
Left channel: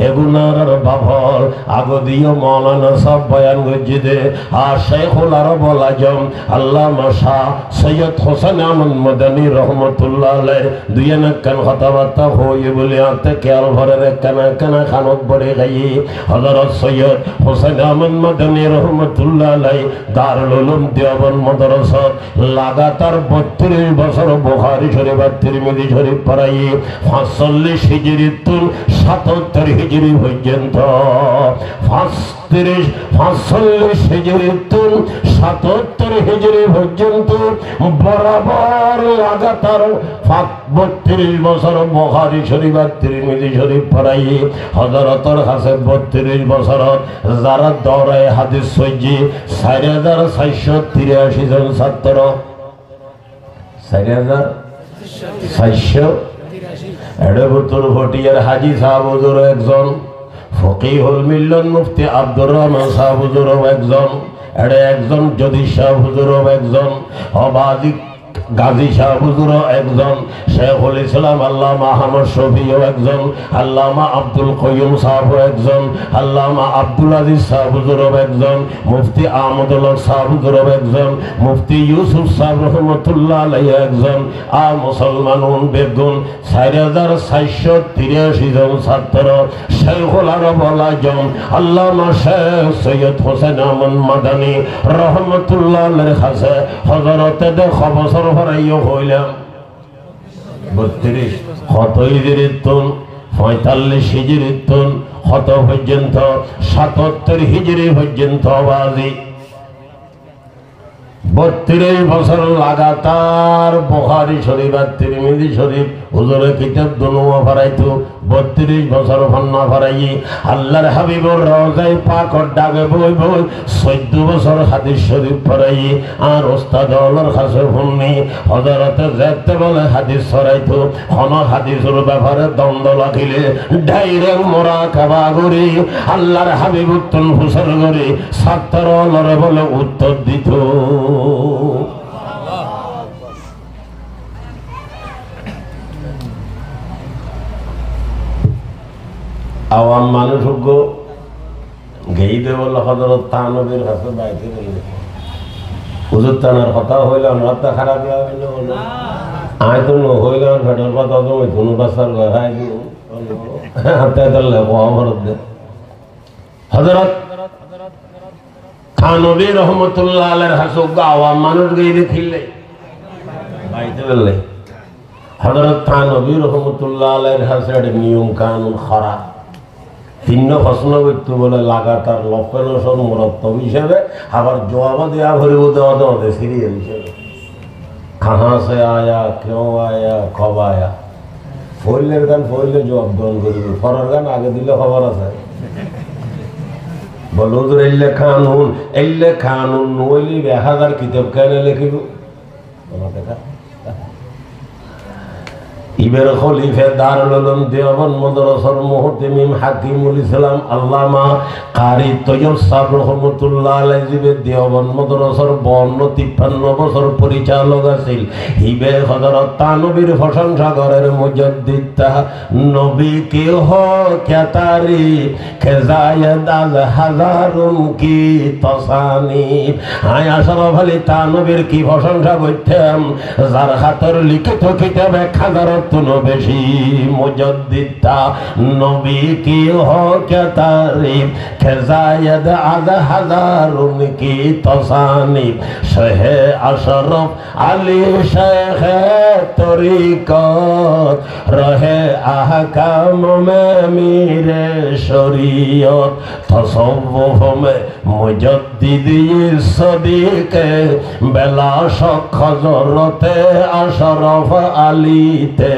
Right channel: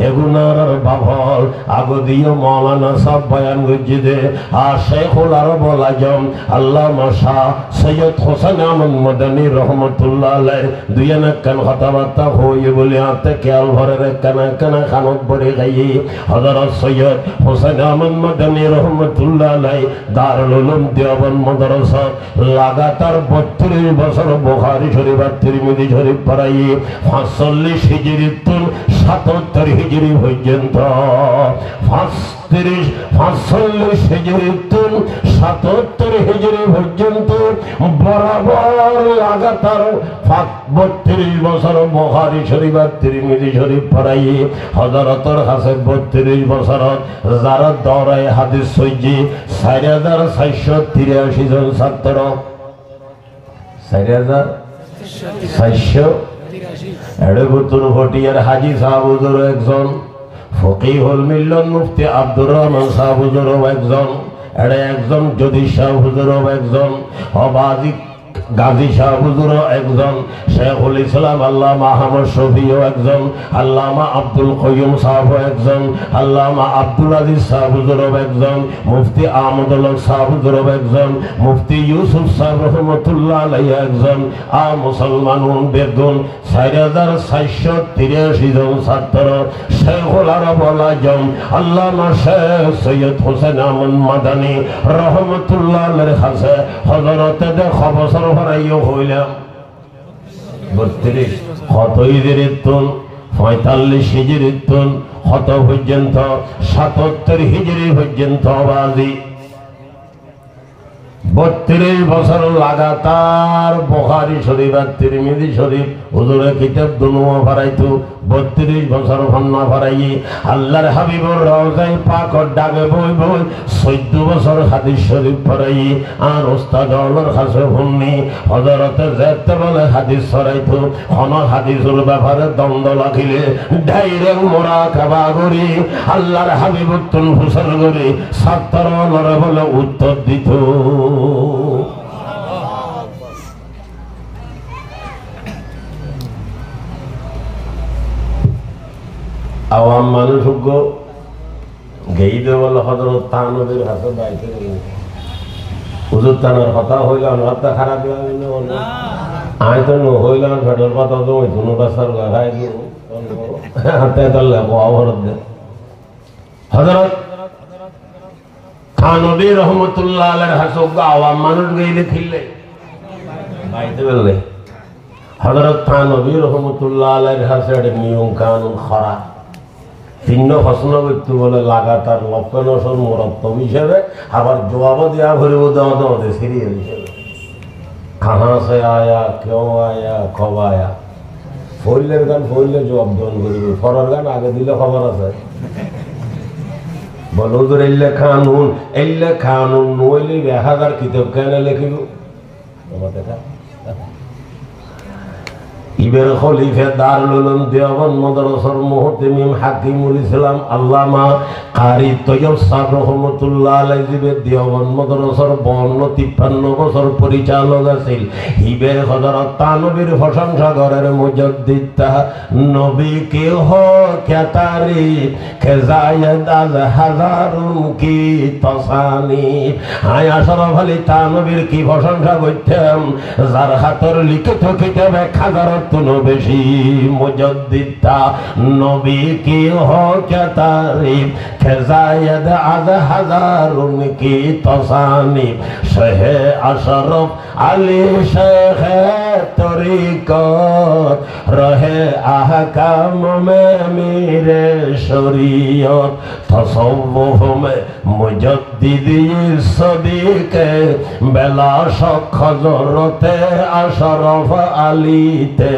এগুনার বাফল আগদিও মাওলানা সাহেব বয়ান গজিদে আর শেখুল আরব আল আজম আল্লামা শাহ সৈয়দ হোসেন আহমদ মদনী রহমতুল্লাহ আলাইহ দুই নাকান কথাবার্তা হয়ে বলে আতে খেয়াল ভরের কানা খানত ভরে গাই হযরত সৈয়দ হোসেন আহমদ মদনী রহমতুল্লাহ আলাইহ দারুল উলুম দেওবন্দ মাদ্রাসা লাগাতার 32 বছর বুখারী শরীফ আর তিরমিজি শরীফ পড়াই 45 হিজরি তুন 77 হিজরি পর্যন্ত 45 হিজরি তুন 77 হিজরি পর্যন্ত বরাবর লাগাতার 32 বছর বুখারী শরীফ আর তিরমিজি শরীফ পড়াই হযরতের কাছে 32 বছর যারা দৌড়ায় হাদিস সইজি 4483 জন ছাত্র 4483 এডবুতুল ভটিয়ার হাজী সাহেব হুজুর একজন ফকিহুল মিল্লাত মুফতি আব্দুর রহমান সাহেব হুজুর একজন একজন যদি সাহেব হুজুর একজন অবাজিক গাজী শাহ হুজুর একজন শেখুল ইসলাম আল্লামা আহমদ শফিও একজন আল্লামা আব্দুল কয়্যুম সাহেব একজন আল্লামা আব্দুল আজিজ সাহেব হুজুর একজন মুফতি আহমদুল হক সাহেব হুজুর একজন মুফতি ইউসুফ সাহেব রহমতুল্লাহ আলাইহি একজন আর মুসলমানুন বেগুন 4483 জন ছাত্র শেখুল আরব আল আজম আল্লামা শেখ সৈয়দ হোসেন আহমদ মাদানী রহমতুল্লাহ আলাইহির কাছে হযরতে দেখা বছর ভরাইও হইলাম 32 কত হিজরির তুন 45 হিজরির তুন কত পর্যন্ত 77 হিজরি পর্যন্ত বাজি 32 বছর লাগাতার বুখারী শরীফ আর তিরমিজি শরীফ হুজুরের কিতাব দুনুয়া পড়াইতো 32 বছর ফন্না পড়াই আল্লাহর হাবিবুর রওজায় পাকর ডাকে বইব 14 বছর হাদিস শরীফ পড়াই আর ওস্তাদ আল্লাহর কাছে ফন্নি হযরতে যেতে বলে হাদিস ছড়াইতো কোন হাদিসের ব্যাপারে দ্বন্দ্ব লাগিলে ডাইরেক্ট মুরাকাবা করি আল্লাহর হাবিব উত্তম হুসেন করে ছাত্ররা বলে উত্তর দিত আওয়াম মানুষ গেইতে বলে হযরত তানবীর কাছে বাইতে গেলে হুজুর তানার কথা হইলে আমার তো খারাপ লাগে না হলো আয় তো হইলাম ভেটর কথা তো কোনো বাসার গায় হাতে ধরলে খবর দে হযরত থানবী রহমতুল্লাহ আলাইহির হাসব আওয়াম মানুষ গেইলে ফিরলে বাইতে গেলে হযরত থানবী রহমতুল্লাহ আলাইহির হাসে নিয়ম কানুন খারাপ তিন প্রশ্ন করতে বলে লাগাতার লক্ষণসর মুরব্বব হিসেবে আবার জবাবও দেওয়া ভরেও দেওয়া দেওয়া সিরিয়াল হিসেবে কাহা সে আয়া কেউ আয়া কব আয়া ফইলের গান ফইলে জবাব দন করবে ফরার গান আগে দিলে খবর আছে বল হুজুর এলে খানুন নইলে 1000 কিতাব কেন লিখিব আমার দেখা ইবের খলিফে দারুল উলুম দেওবন্দ মাদ্রাসার মুহতামিম হাকিমুল ইসলাম আল্লামা কারি তৈয়ব সাহেব রহমাতুল্লাহ আলাইহি দেওবন্দ মাদ্রাসার 52-53 বছর পরিচালক আছেন। ইবে হযরত তানবীর প্রশংসা করেন মুজাদ্দিদ নবী কি হো क्या तारीफ के जायद अल हजारुम की तसानीफ। आया शरफ अली तानबीर की प्रशंसा করতেন যার খাতর লিখিত কিতাবে হাজারত বেশি। মুজাদ্দিদ নবী কি হো क्या तारीफ के जायद अल हजारुम की तसानीफ। शहे अशरफ अली शेख तरीक़त रहे अहकाम में मीरे शरीयत। तसव्वुफ में मुजद्दिदी सदीक़ बेला शक हज़रते अशरफ अलीते।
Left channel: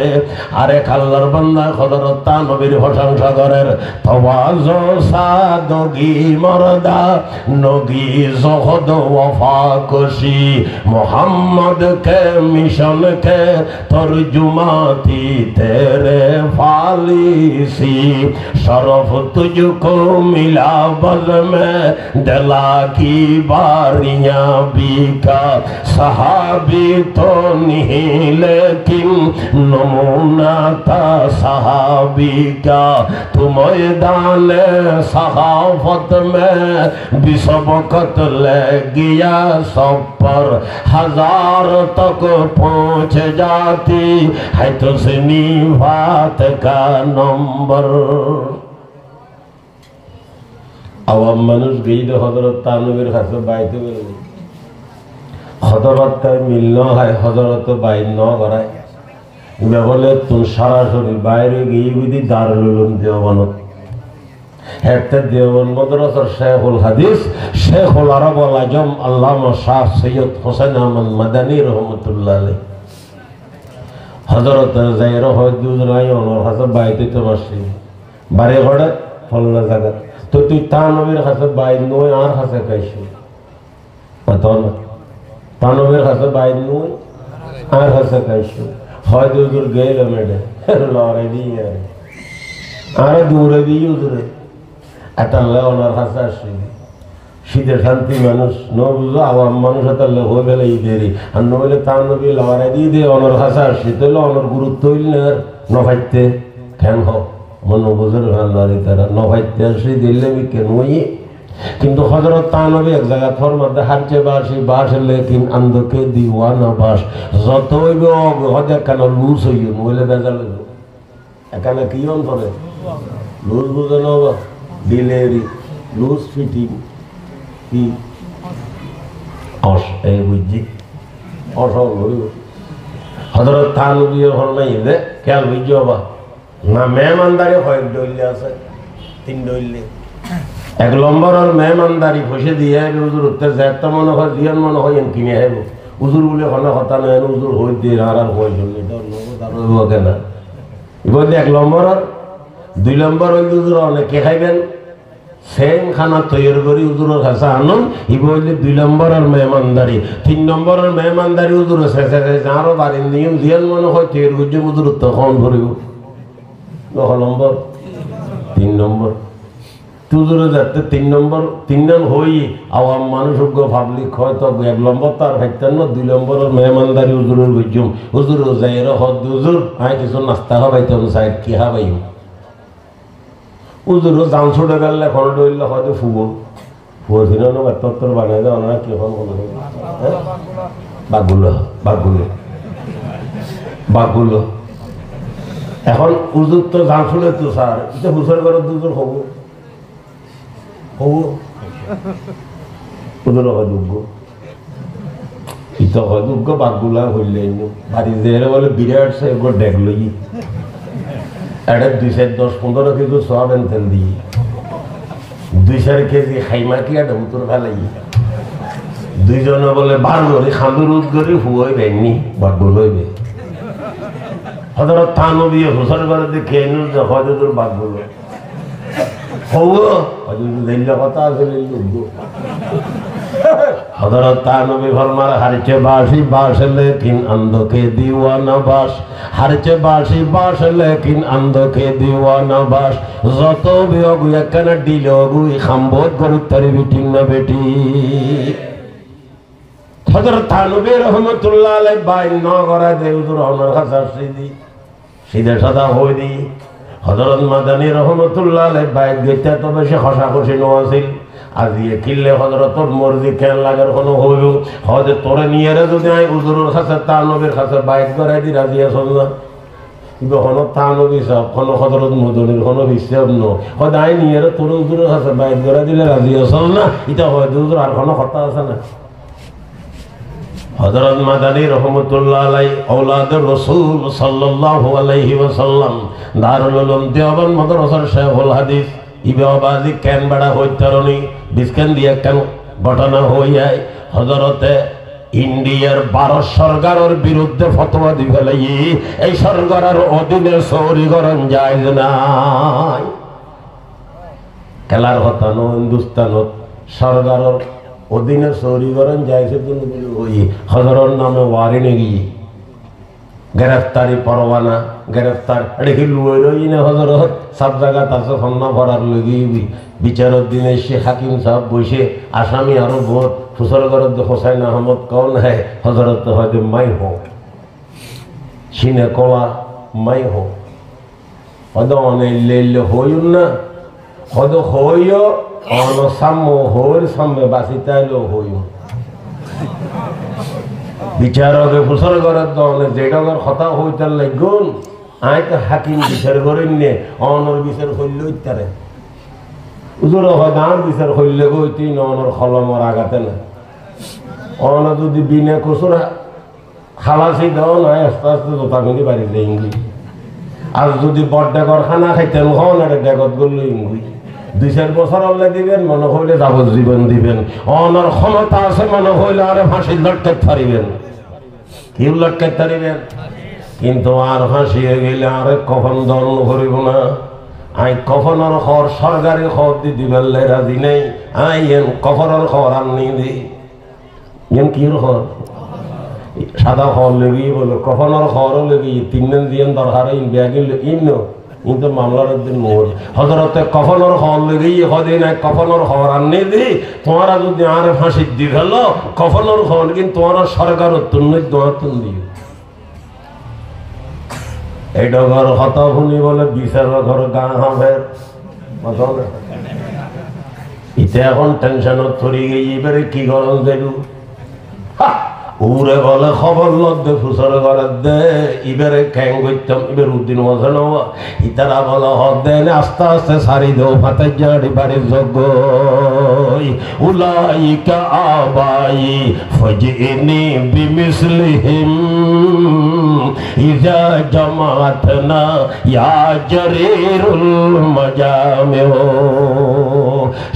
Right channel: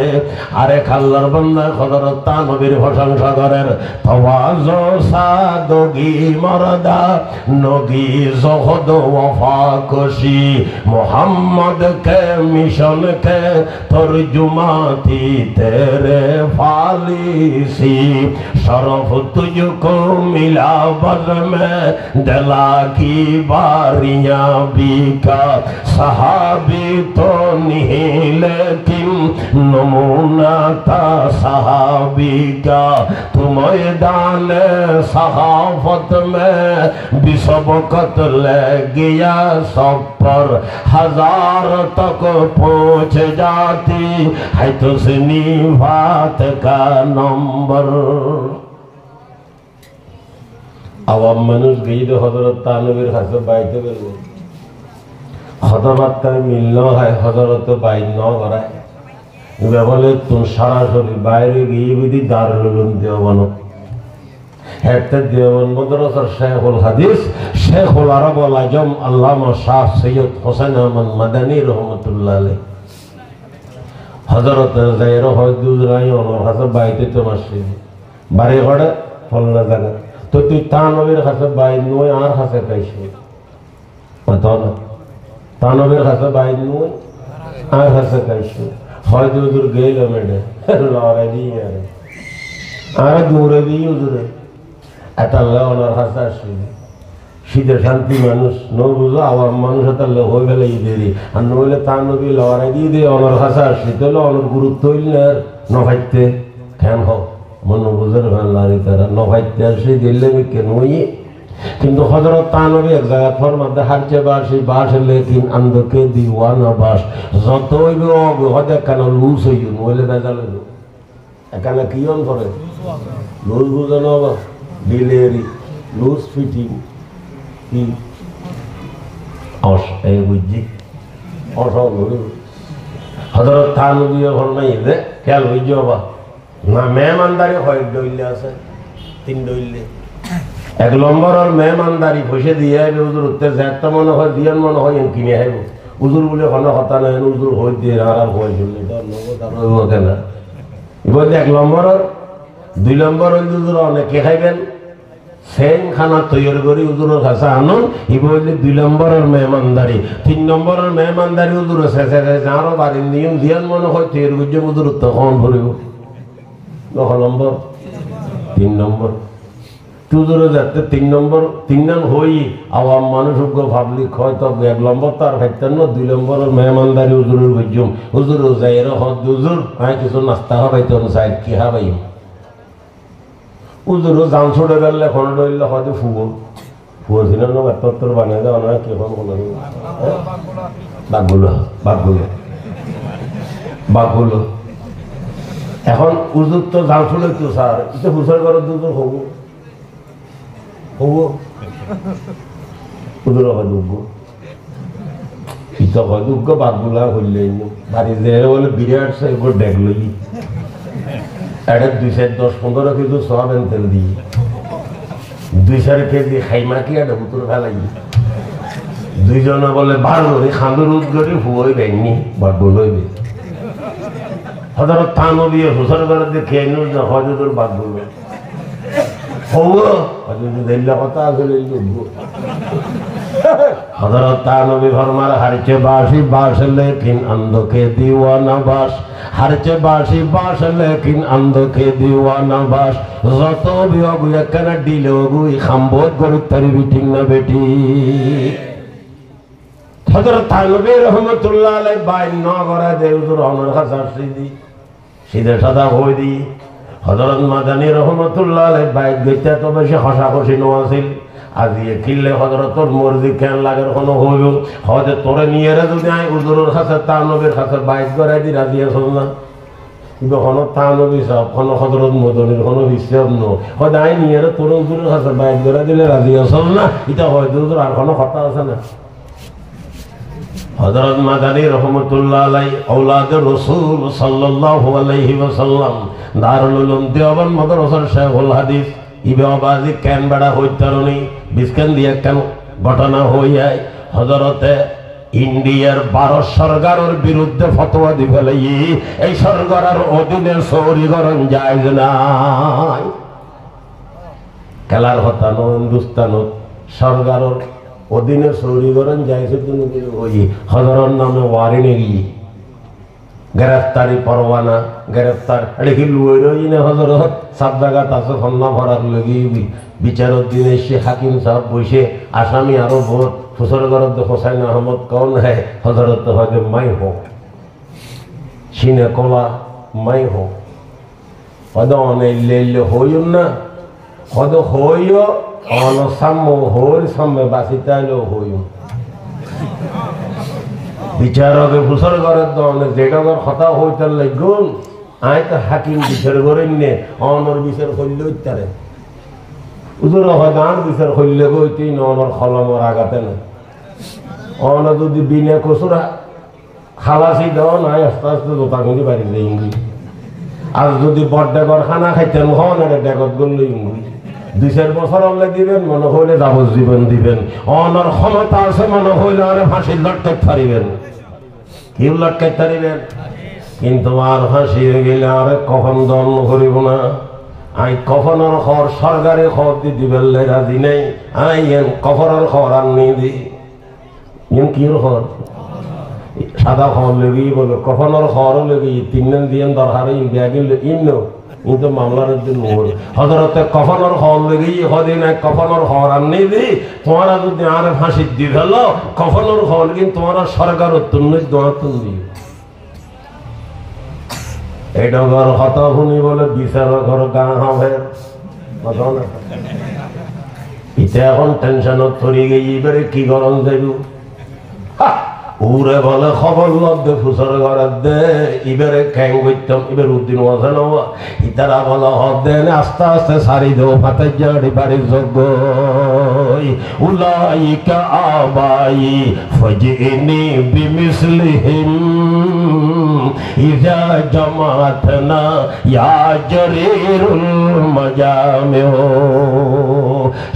आरेक आल्लाहर बंदा हज़रत तानबीर प्रशंसा करेन तवाज़ु सादगी मर्दा नगी ज़ुहद वफ़ा कुशी मोहम्मद के मिशन के तर्जुमा थी तेरे फालिसी। शरफ तुझको मिला बज़ में दिला की बारियां बिका। सहाबी तो नहीं लेकिन नमूना था सहाबी का। तू मैदान सहाफत में बिसबकत ले गया सब पर 1000 तक पहुँच जाती है तुझनी बात का नंबर। আওয়াম মানুষ গিয়ে হযরত তানবীর কাছে বাইতে বললেন হযরত মিলল হয় হযরত বাইন ন করায় বলে তুই সরাসরি বাইরে গিয়ে যদি দারুল উলুম দেওবন্দ একটা দেওবন্দ মাদ্রাসার শেখুল হাদিস শেখুল আরব আল আজম আল্লামা শাহ সৈয়দ হোসেন আহমদ মাদানী রহমাতুল্লাহ আলাইহি হযরত জায়র হযরত ওনার কাছে বাইতে তো বসে বাড়ি ঘরে ফলনা জায়গা তো তুই তানবীর কাছে বাইন নই আর কাছে কাইছো কথা না তানবীর কাছে বাইন নই আর কাছে কাইছো হয়তো হুজুর গেল মেডে লড়াই দিয়ে আর দূরে দিয়ে হুজুরে এটা আল্লাহ ওনার কাছে আসে শীতের শান্তি মানুষ ন বুঝলো আওয়াম মানুষ এটা আল্লাহ হয়ে গেলে ঈদেরই আর নহলে তানবী লড়াই দিয়ে দিয়ে ওনার কাছে আসে তাহলে ওনার গুরুত্ব হইলে আর নভাইতে ফ্যান হোক মনো বুঝুর ভান্ডারি তারা নভাইতে আসে দিলে কেন কিন্তু হযরত তানবী এক জায়গা ফর মধ্যে হাঁটছে বাসে লেকিন আন্দকে দিওয়ানা বাস যতই হতে কেন লুজ হইল বলে বেজালে এখানে কি অন করে লুজ বুঝে নেবা ডিলেরি লুজ ফিটিং কি এই বুঝছি হযরত তানবী এখন নাই দে খেয়াল বুঝছো বা না মেহমানদারি হয় দইলে আছে 3 দইলে 1 নম্বর আর মেহমানদারি খুশি দিয়ে হুজুর উঠতে যাতে মনে হয় দিয়ান মনে হয় কিনে আইব হুজুর বলে কোনো কথা নাই হুজুর হই দিয়ে আর হই শুনলে তো নগদ আর মতে না বলে 1 নম্বর আর 2 নম্বর হুজুর অনেকে খাইবেন সেম খানা তৈরি করি হুজুরের কাছে আনুন বলে 2 নম্বর আর মেহমানদারি 3 নম্বর আর মেহমানদারি হুজুর শেষে যারও বাড়ির নিয়ম দিয়ান মনে হয় তৈরি করছে হুজুর তখন ভরিব নম্বর 3 নম্বর হুজুরে যাতে 3 নম্বর 3 নং হই আওয়াম মানুষ পাবলিক হয়তো 1 নম্বর তার খাইতেন না 2 নম্বর মেহমানদারি হুজুরের বুঝুম হুজুর যাইর হদ হুজুর আই কিছু নাস্তা খাবাইতে সাইড কি খাবাই হুজুর জান ছড়ে গেলে এখন ডইলে হয়তো ফুবো ফুবো দিন না এত বানাই দাও না কি এখন বলে বাগুলো এখন হুজুর তো জান ফুলে তো স্যার এটা হুজুর করে হুজুর হবো হুজুর দুগ্গ ইতো দুগ্গ বাগুলা হইলে বাড়ি যে বলে বিরাট সে একবার দেখলো কি এটা 2-10-15 কেজি সয়াবিন তেল দিই 2-4 কেজি খাইমা কি আর উত্তর ফেলাই দুইজনে বলে বার করে খাঁদুর উদ্গরি হুয়ে বেনি বাগুল হইবে হযরত তানবী হুজুর করে দেখে এনে হযরতের বাগুল হওয়া হযরত দিল্লা কথা আছে हज़रत तानवी फरमाए हरचे बाशी बाश लेकिन अंधों के दीवाना बाश हरचे बाशी बाश लेकिन अंधों के दीवाना बाश ज़तो भी अगुया कना डीले अगुई खम्बोत गुरुत्तरी बिटिंग न बेटी हज़रत तानवी रहमतुल्लाह अलैह बाइन न करा दे उधर हमारे खास सीधी सीधे सादा हो दी हज़रत मदनी रहमतुल्लाह अलैह बाइन देते तो बेशे खशा खुशी नवासिल आज ये किले हज़रतुर मुर्दी केन लागर कोनो होयो हज़रत तोरे नियरे तो जाए उधर खास तानवीर खास बाइन करा दी राजिया सोना इबे कोनो तानवी सब कोनो हज़रत मदनी कोनो विश्व नो हदाई नियरे तोरे उधर खास बाइन करा दी राजिया सोना इता हो उधर आर कोनो खता আছে না हज़रत मदनी रहमतुल्लाह अलैह औलाद रसूल सल्लल्लाहु अलैहि वसल्लम दारुल उलूम देवबंद मदरसार शेखुल हदीस इबाबाजी केन बड़ा होइतरनी बिस्कान दिया केन घटना হই যায় হযরতে ইন্ডিয়ার 12 সরকারের বিরুদ্ধে ফতোয়া দি ফেলাই এই সরকারের অধীনে চৌরিকরণ জায়েজ নাই খেলার কথা হিন্দুস্তানত সরকারের অধীনে চৌরিকরণ জায়েজ তুমি ওই হযরত নামে ওয়ারেন্ট গিয়ে गिरफ्तारी परवाना गिरफ्तार अरे लुई ने हजरत सब जगह तासे खन्ना पड़ार लगी বিচারক दिन शेख हाकिम साहब बसे आसामी और बहुत फुसरगरद हुसैन अहमद कौन है हजरत हजरत मैं हो सीने कोला मैं हो हद अने ले होयुन ना हद होयो अन साम्मो होर साम्मे बासितालो होयो বিচারক ফুসর করে তো যেটার কথা হইতে লাগুন আই তো হাকিম বিচার করেন নে অনর বিচার হইল ইত্যারে উজুর হদান বিচার হইলে গইতি ননর খলমর আগাতে না অন যদি বিনা কসুরা খালাসি দাও না আস্তে আস্তে জোতা গুলি বাড়ি যাইঙ্গি আর যদি বড়ডাকর খানা খাইতেন হন এটা ডাকত গলই ইঙ্গি 2-4 বছর আল্লাহ দিবেন মনে হইলে যাবজ্জীবন দিবেন অনর ক্ষমতা আছে মনে হইলে আরে ফাঁসি লটকে ছাড়িবেন কি লটকে ছাড়িবেন কিন্তু আর ফাঁসিয়ে গেলে আরে কখন দণ্ড করিব না আই কখনর খবর সরকারের খবর দি দিবেন রাজি নেই আই কখনর খবর আর নেই দি যেন কি খবর সাদা খবর লেগে বলো কখনর খবর লেগে 3 দিন দিয়ে দরকার ইন্ডিয়া গেলে ইন্ন কিন্তু মামলার দিন মোর হযরতে কফনের খবর লেগে হদিন এক কফনের খবর আননি দি তোমরা যদি আরে ফাঁসি দি ফেল কফনের খবর কিন্তু তোমরা সরকার তুমি দোয়া তুলি এইটা ঘর কথা শুনি বলে বিচারের ঘর গান হবে ইতে এখন টেনশনত পড়ে গিয়ে এবারে কি গরম যাইব উরে বলে খবর লব্ধে ফুসর ঘরে দে এবারে খ্যাং করতাম এবার উদ্দিন মজা নেওয়া ইতারা বলা হব দেন আস্তে আস্তে সারি দেও ফাতাই জাড়ি বাড়ির যোগ্য উলাইকা আবাই ফজিনি বিমিসলিহিম ইজা জামাতনা ইয়া জরিরুল মাজামিউ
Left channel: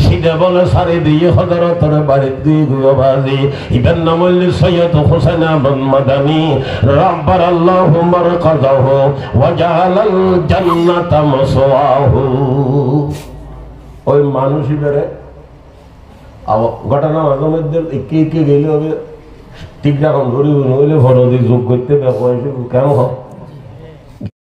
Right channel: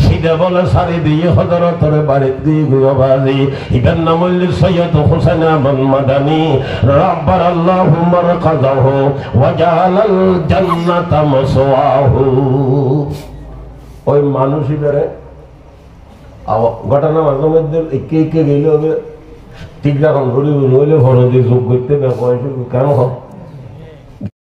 সিধা বলে সারি দিয়ে হযরতের বাড়িতে দিয়ে বাজি ইবেন নামল সৈয়দ হুসাইন আহমদ মাদানী রাব্বারাল্লাহু মারকাযাহু ওয়া জাআলাল জান্নাতা মাসওয়াহু ওই মানুষই বেরে ঘটনা মাঝে মধ্যে একে একে গেলে হবে ঠিক রাখুন গরিব নইলে ভরদি যোগ করতে ব্যবহার কেন হয়